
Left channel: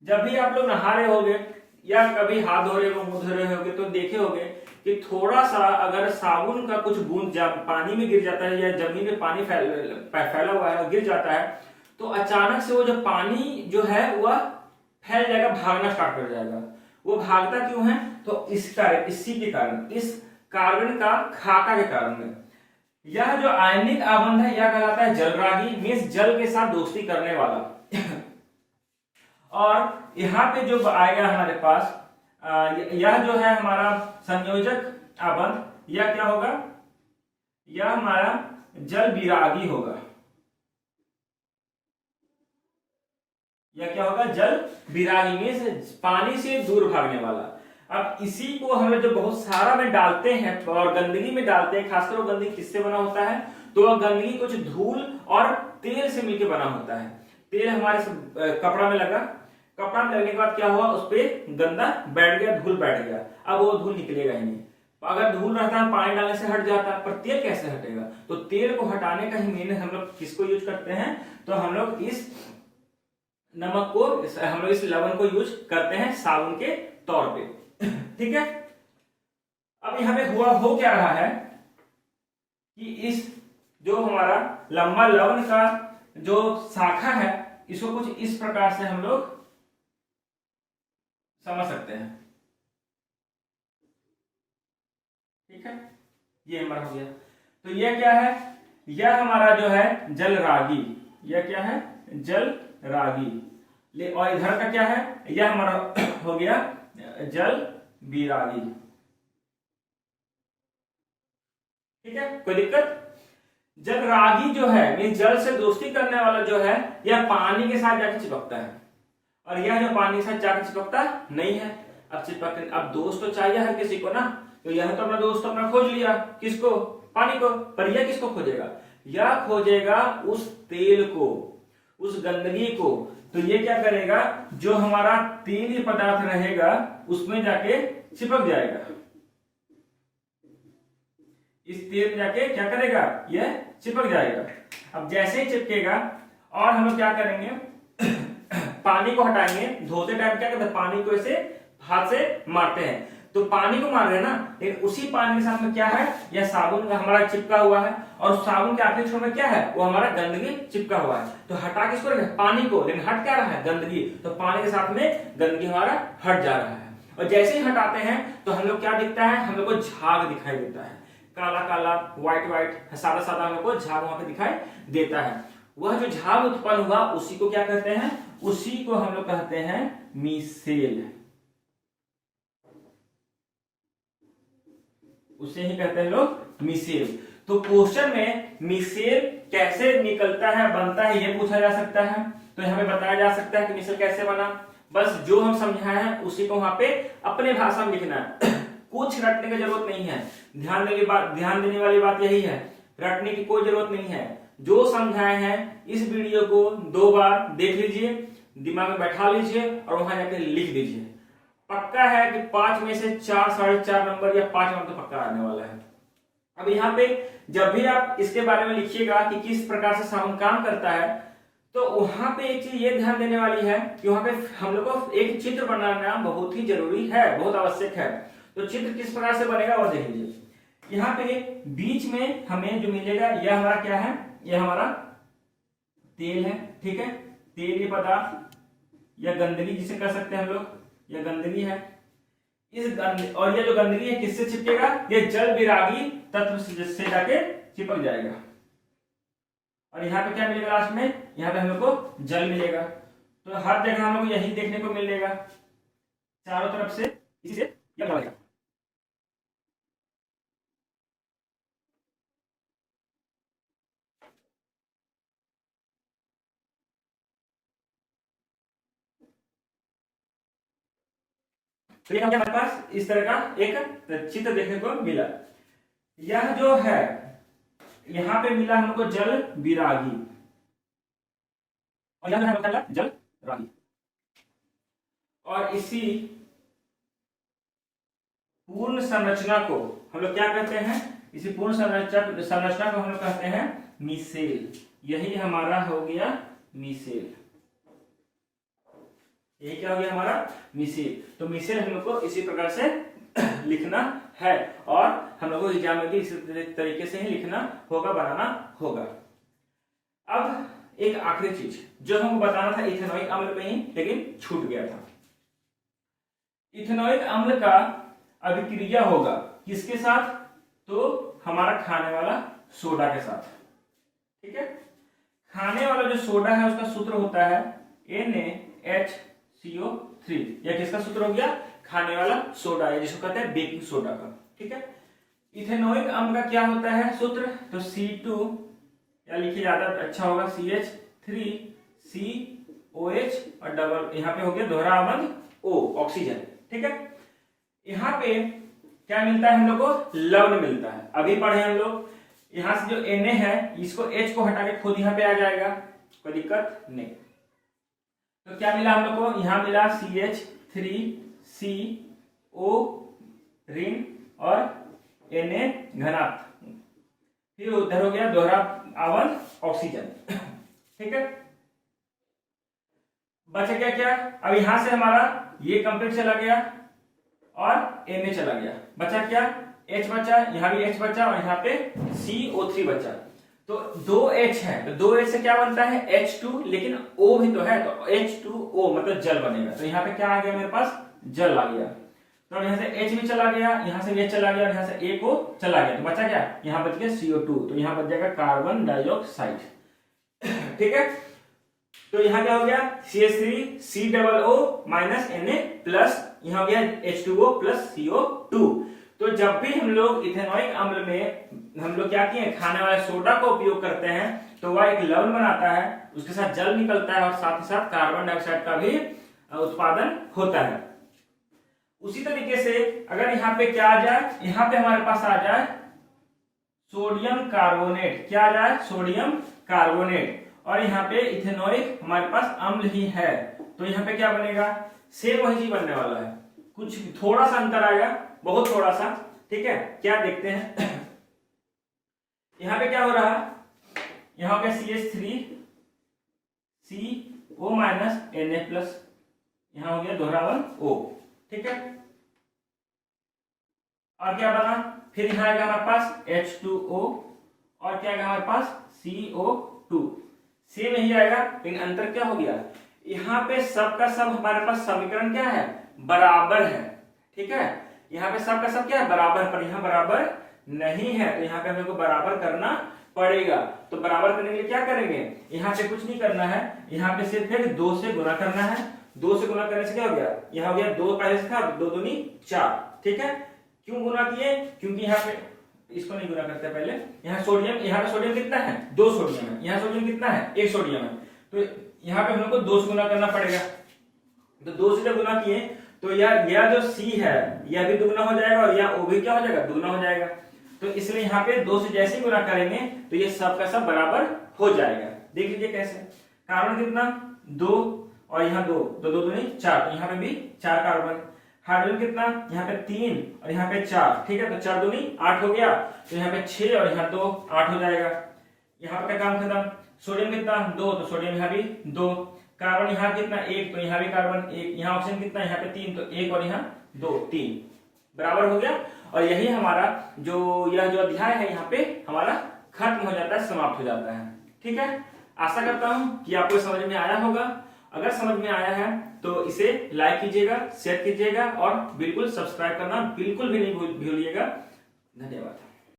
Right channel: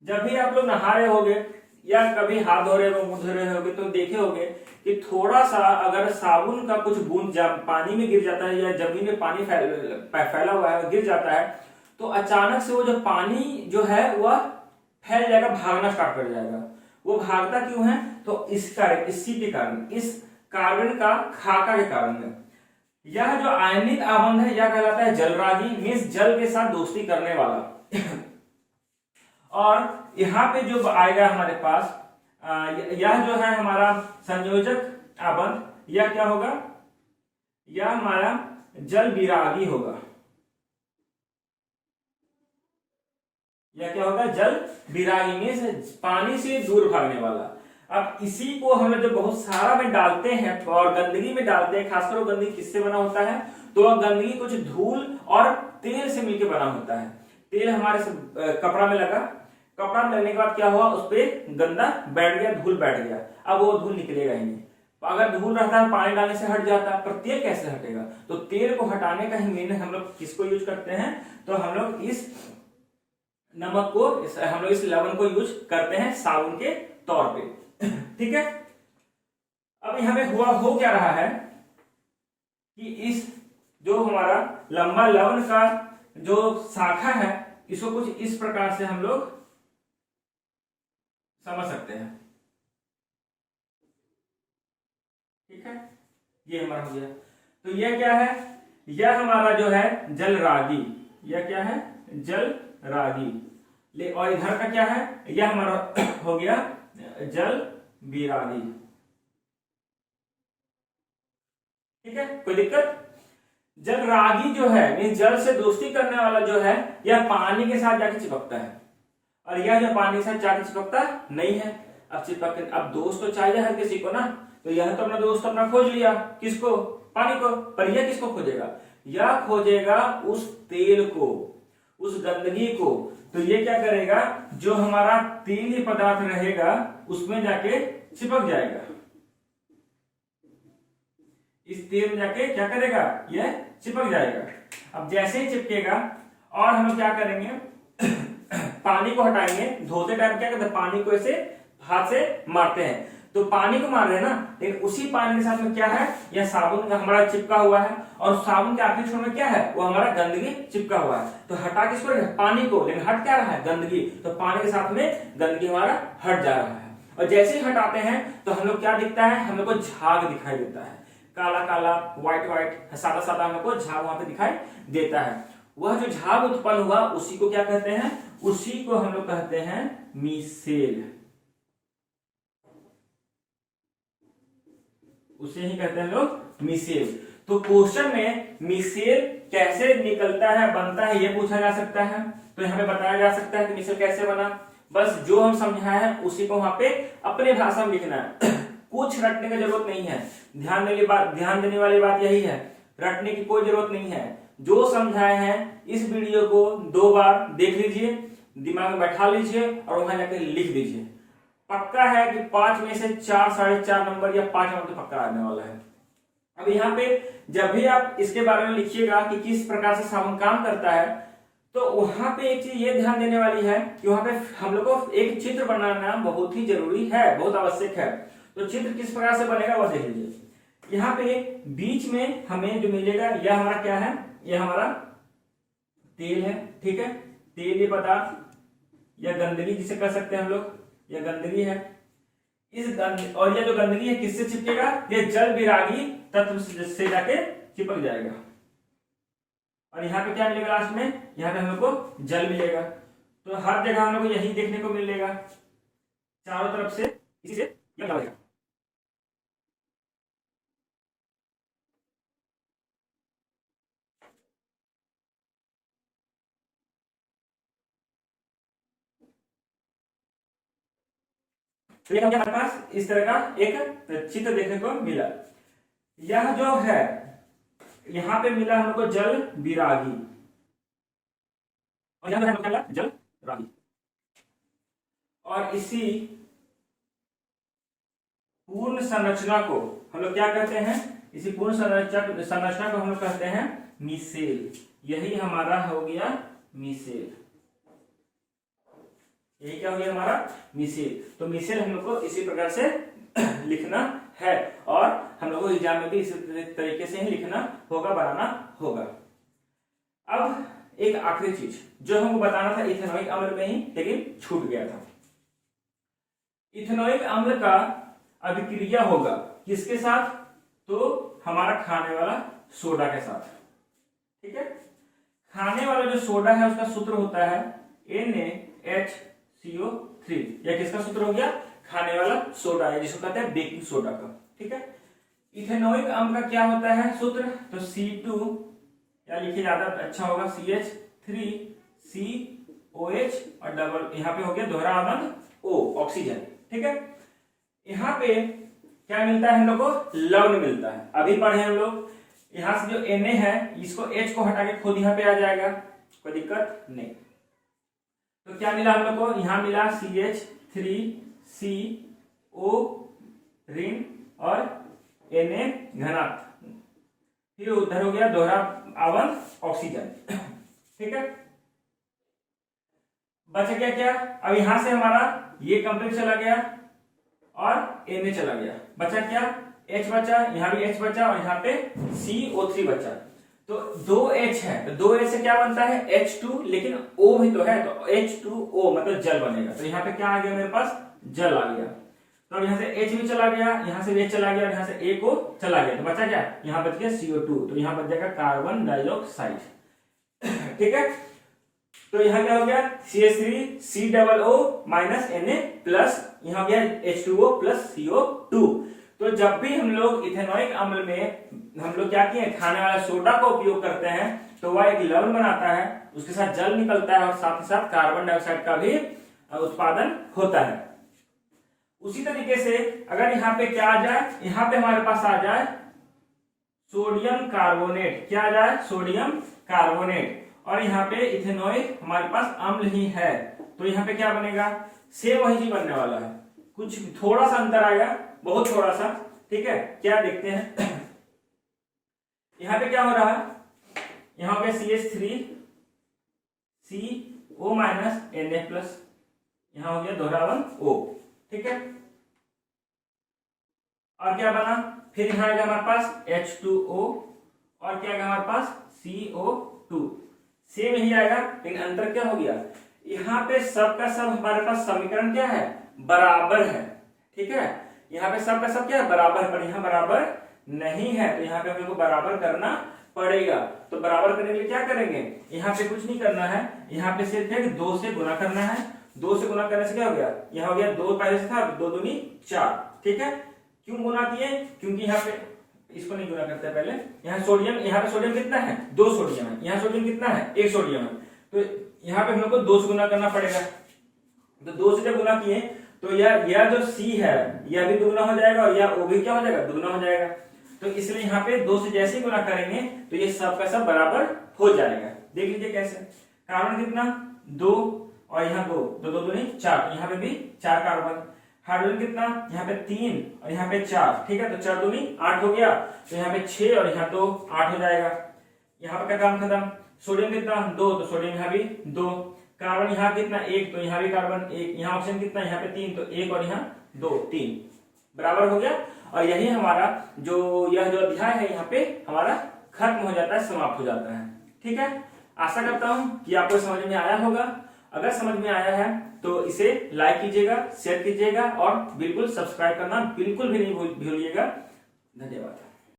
जब भी आप लोग नहा रहे होगे या कभी हाथ धो रहे हो, मुंह धो रहे होगे, तो देखे होगे कि थोड़ा सा अगर साबुन का कुछ बूंद पानी में गिर जाता है या जमीन में पानी फैला हुआ है गिर जाता है, तो अचानक से वो जो पानी जो है वह फैल जाएगा, भागना स्टार्ट कर जाएगा। वो भागता क्यों है? तो इसी के कारण, इस कार्बन का खाका के कारण। यह जो आयनिक आबंध है यह कहलाता है जलरागी, मींस जल के साथ दोस्ती करने वाला। और यहाँ पे जो आएगा हमारे पास यह जो है हमारा संयोजक आबंध, यह क्या होगा? यह हमारा जल विरागी होगा। यह क्या होगा? जल विरागी, मींस पानी से दूर भागने वाला। अब इसी को हम लोग जो बहुत सारा में डालते हैं और गंदगी में डालते हैं, खासकर वो गंदगी किससे बना होता है? तो वह गंदगी कुछ धूल और तेल से मिलकर बना होता है। तेल हमारे कपड़ा में लगा, कपड़ा में लगने के बाद क्या हुआ? उस पर गंदा बैठ गया, धूल बैठ गया। अब वो धूल निकलेगा ही नहीं। अगर धूल रहता है पानी डालने से हट जाता है, पर तेल कैसे हटेगा? तो तेल को हटाने का ही मेन हम लोग किसको यूज करते हैं? तो हम लोग इस नमक को, हम लोग इस लवण को यूज करते हैं साबुन के तौर पे। ठीक है। अब यहाँ पे हो क्या रहा है कि इस जो हमारा लंबा लवण का जो शाखा है इसको कुछ इस प्रकार से हम लोग समझ सकते हैं। ठीक है, ये हमारा हो गया। तो यह क्या है, यह हमारा जो है जल रागी, यह क्या है जल रागी। और इधर का क्या है, यह हमारा हो गया जल बिरागी। ठीक है, कोई दिक्कत। जल रागी जो है मीन जल से दोस्ती करने वाला जो है यह पानी के साथ जाके चिपकता है, और यह जो पानी के साथ जाके चिपकता नहीं है। अब चिपक, अब दोस्त तो चाहिए हर किसी को ना, तो यह तो अपना दोस्त अपना खोज लिया, किसको, पानी को। पर यह किसको खोजेगा, यह खोजेगा उस तेल को, उस गंदगी को। तो ये क्या करेगा, जो हमारा तेली पदार्थ रहेगा उसमें जाके चिपक जाएगा, इस तेल में जाके क्या करेगा, यह चिपक जाएगा। अब जैसे ही चिपकेगा, और हम लोग क्या करेंगे पानी को हटाएंगे। धोते टाइम क्या करते हैं, पानी को ऐसे हाथ से मारते हैं, तो पानी को मार रहे हैं ना, लेकिन उसी पानी के साथ में क्या है, यह साबुन का हमारा चिपका हुआ है, और साबुन के आखिरी छोर में क्या है, वो हमारा गंदगी चिपका हुआ है। तो हटा किसको रहे, पानी को, लेकिन हट क्या रहा है, गंदगी। तो पानी के साथ में गंदगी हमारा हट जा रहा है। और जैसे ही हटाते हैं तो हम लोग क्या दिखता है, हम लोग को झाग दिखाई देता है, काला काला, व्हाइट व्हाइट, सादा सादा हम लोग को झाग वहां पे दिखाई देता है। वह जो झाग उत्पन्न हुआ उसी को क्या कहते हैं, उसी को हम लोग कहते हैं मिसेल, उसे ही कहते हैं लोग मिसेल। तो क्वेश्चन में मिसेल कैसे निकलता है, बनता है, ये पूछा जा सकता है। तो यहाँ पे बताया जा सकता है कि मिसेल कैसे बना। बस जो हम समझाए हैं उसी को वहां पे अपने भाषा में लिखना है कुछ रटने की जरूरत नहीं है। ध्यान देने वाली बात यही है, रटने की कोई जरूरत नहीं है। जो समझाए हैं इस वीडियो को 2 बार देख लीजिए, दिमाग में बैठा लीजिए और वहां जाकर लिख दीजिए। पक्का है कि 5 में से 4, 4.5 नंबर या 5 नंबर तो पक्का आने वाला है। अब यहाँ पे जब भी आप इसके बारे में लिखिएगा कि किस प्रकार से साबुन काम करता है, तो वहां पे एक चीज ये ध्यान देने वाली है कि वहां पे हम लोग को एक चित्र बनाना बहुत ही जरूरी है, बहुत आवश्यक है। तो चित्र किस प्रकार से बनेगा वो देख लीजिए। यहाँ पे बीच में हमें जो मिलेगा यह हमारा क्या है, यह हमारा तेल है। ठीक है, तेल ये पदार्थ या गंदगी जिसे कह सकते हैं हम लोग, यह गंदगी है। और यह जो गंदगी है किससे चिपकेगा, यह जल विरागी तत्व से जाके चिपक जाएगा। और यहाँ पे क्या मिलेगा लास्ट में, यहाँ पे हम लोग को जल मिलेगा। तो हर जगह हम लोग को यही देखने को मिलेगा, चारों तरफ से इसी से क्या बनेगा। तो ये हमारे पास इस तरह का एक चित्र देखने को मिला। यह जो है यहां पे मिला हमको जल विरागी, और यहां पे मिला जल रागी। और इसी पूर्ण संरचना को हम लोग क्या कहते हैं, इसी पूर्ण संरचना को हम लोग कहते हैं मिसेल। यही हमारा हो गया मिसेल, यही क्या हो गया हमारा मिसेल। तो मिसेल हम लोग को इसी प्रकार से लिखना है, और हम लोग को एग्जाम में भी इसी तरीके से ही लिखना होगा, बनाना होगा। अब एक आखिरी चीज जो हमको बताना था इथेनॉइक अम्ल में ही, लेकिन छूट गया था। इथेनॉइक अम्ल का अभिक्रिया होगा किसके साथ, तो हमारा खाने वाला सोडा के साथ। ठीक है, खाने वाला जो सोडा है उसका सूत्र होता है NaHCO3। यह किसका सूत्र हो गया, खाने वाला सोडा है, जिसको कहते हैं बेकिंग सोडा का। ठीक है, इथेनॉइक अम्ल का क्या होता है सूत्र, तो C2 या लिखिए ज्यादा अच्छा होगा CH3COH और डबल यहाँ पे हो गया दोहरा अम्ल O, ऑक्सीजन। ठीक है, यहाँ पे क्या मिलता है हम लोग को, लवण मिलता है। अभी पढ़े हम लोग, यहां से जो Na है इसको H को हटा के खुद यहाँ पे आ जाएगा, कोई दिक्कत नहीं। तो क्या मिला हम लोग को, यहाँ मिला CH3CO ऋण और Na घनात्म, फिर उधर हो गया दोहरा अवन ऑक्सीजन। ठीक है, बच गया क्या, अब यहां से हमारा ये कंप्लीट चला गया, और Na चला गया, बचा क्या, H बचा, यहाँ भी H बचा और यहाँ पे CO3 बचा। तो 2H है तो 2H से क्या बनता है H2, लेकिन O भी तो है तो H2O मतलब जल बनेगा। तो यहाँ पे क्या आ गया मेरे पास, जल आ गया। तो यहाँ से H भी चला गया, यहाँ से भी H चला गया और यहाँ से A को चला गया, तो बचा क्या, यहाँ बच गया CO2, तो यहाँ बच जाएगा कार्बन डाइऑक्साइड। ठीक है, तो यहाँ क्या हो गया CH3 COO minus Na plus यहाँ गया H2O प्लस CO2। तो जब भी हम लोग इथेनॉइक अम्ल में हम लोग क्या किए, खाने वाले सोडा का उपयोग करते हैं तो वह एक लवण बनाता है, उसके साथ जल निकलता है और साथ ही साथ कार्बन डाइऑक्साइड का भी उत्पादन होता है। उसी तरीके से अगर यहाँ पे क्या आ जाए, यहाँ पे हमारे पास आ जाए सोडियम कार्बोनेट, क्या आ जाए, सोडियम कार्बोनेट, और यहाँ पे इथेनॉइक हमारे पास अम्ल ही है, तो यहाँ पे क्या बनेगा, सेम वही चीज बनने वाला है, कुछ थोड़ा सा अंतर आएगा, बहुत थोड़ा सा। ठीक है, क्या देखते हैं यहाँ पे क्या हो रहा है, यहाँ पे CH3 CO minus Na plus, यहाँ हो गया दोहरावन O। ठीक है, और क्या बना, फिर यहाँ आएगा हमारे पास H2O और क्या आएगा हमारे पास CO2, सेम यही आएगा, लेकिन अंतर क्या हो गया, यहाँ पे सब का सब हमारे पास समीकरण क्या है, बराबर है। ठीक है, यहाँ पे सब का सब क्या है, बराबर, पर यहाँ बराबर नहीं है, तो यहाँ पे हमको बराबर करना पड़ेगा। तो बराबर करने के लिए क्या करेंगे, यहाँ पे कुछ नहीं करना है, यहाँ पे सिर्फ एक 2 से गुना करना है, 2 से गुना करने से क्या हो गया, यहाँ हो गया 2 पहले से था, 2 दूनी 4। ठीक है, क्यों गुना किए, क्योंकि यहाँ पे इसको नहीं गुना करते पहले, यहाँ सोडियम, यहाँ पे सोडियम कितना है, 2 सोडियम है, यहाँ सोडियम कितना है, 1 सोडियम है, तो यहाँ पे हम लोग को 2 से गुना करना पड़ेगा। तो 2 से जब गुना किए तो यह जो C है यह भी दुगना हो जाएगा और यह O भी क्या हो जाएगा, दुगना हो जाएगा। तो इसलिए यहाँ पे 2 से जैसे ही गुना करेंगे तो ये सब का सब बराबर हो जाएगा। देख लीजिए कैसे, कार्बन कितना 2 और यहाँ 2, 2 दूनी 4, यहाँ पे भी 4 कार्बन, हाइड्रोजन कितना, यहाँ पे 3 और यहाँ पे 4। ठीक है, तो 4 दूनी 8 हो गया, तो यहाँ पे 6 और यहाँ 2 8 हो जाएगा। यहाँ पे क्या काम खत्म, सोडियम कितना 2, तो सोडियम यहाँ भी 2, कार्बन यहाँ कितना 1, तो यहाँ भी कार्बन 1, यहाँ ऑक्सीजन कितना, यहाँ पे 3, तो 1 और यहाँ 2 3 बराबर हो गया। और यही हमारा यह जो अध्याय है यहाँ पे हमारा खत्म हो जाता है, समाप्त हो जाता है। ठीक है, आशा करता हूँ कि आपको समझ में आया होगा। अगर समझ में आया है तो इसे लाइक कीजिएगा, शेयर कीजिएगा और बिल्कुल सब्सक्राइब करना बिल्कुल भी नहीं भूलिएगा। धन्यवाद।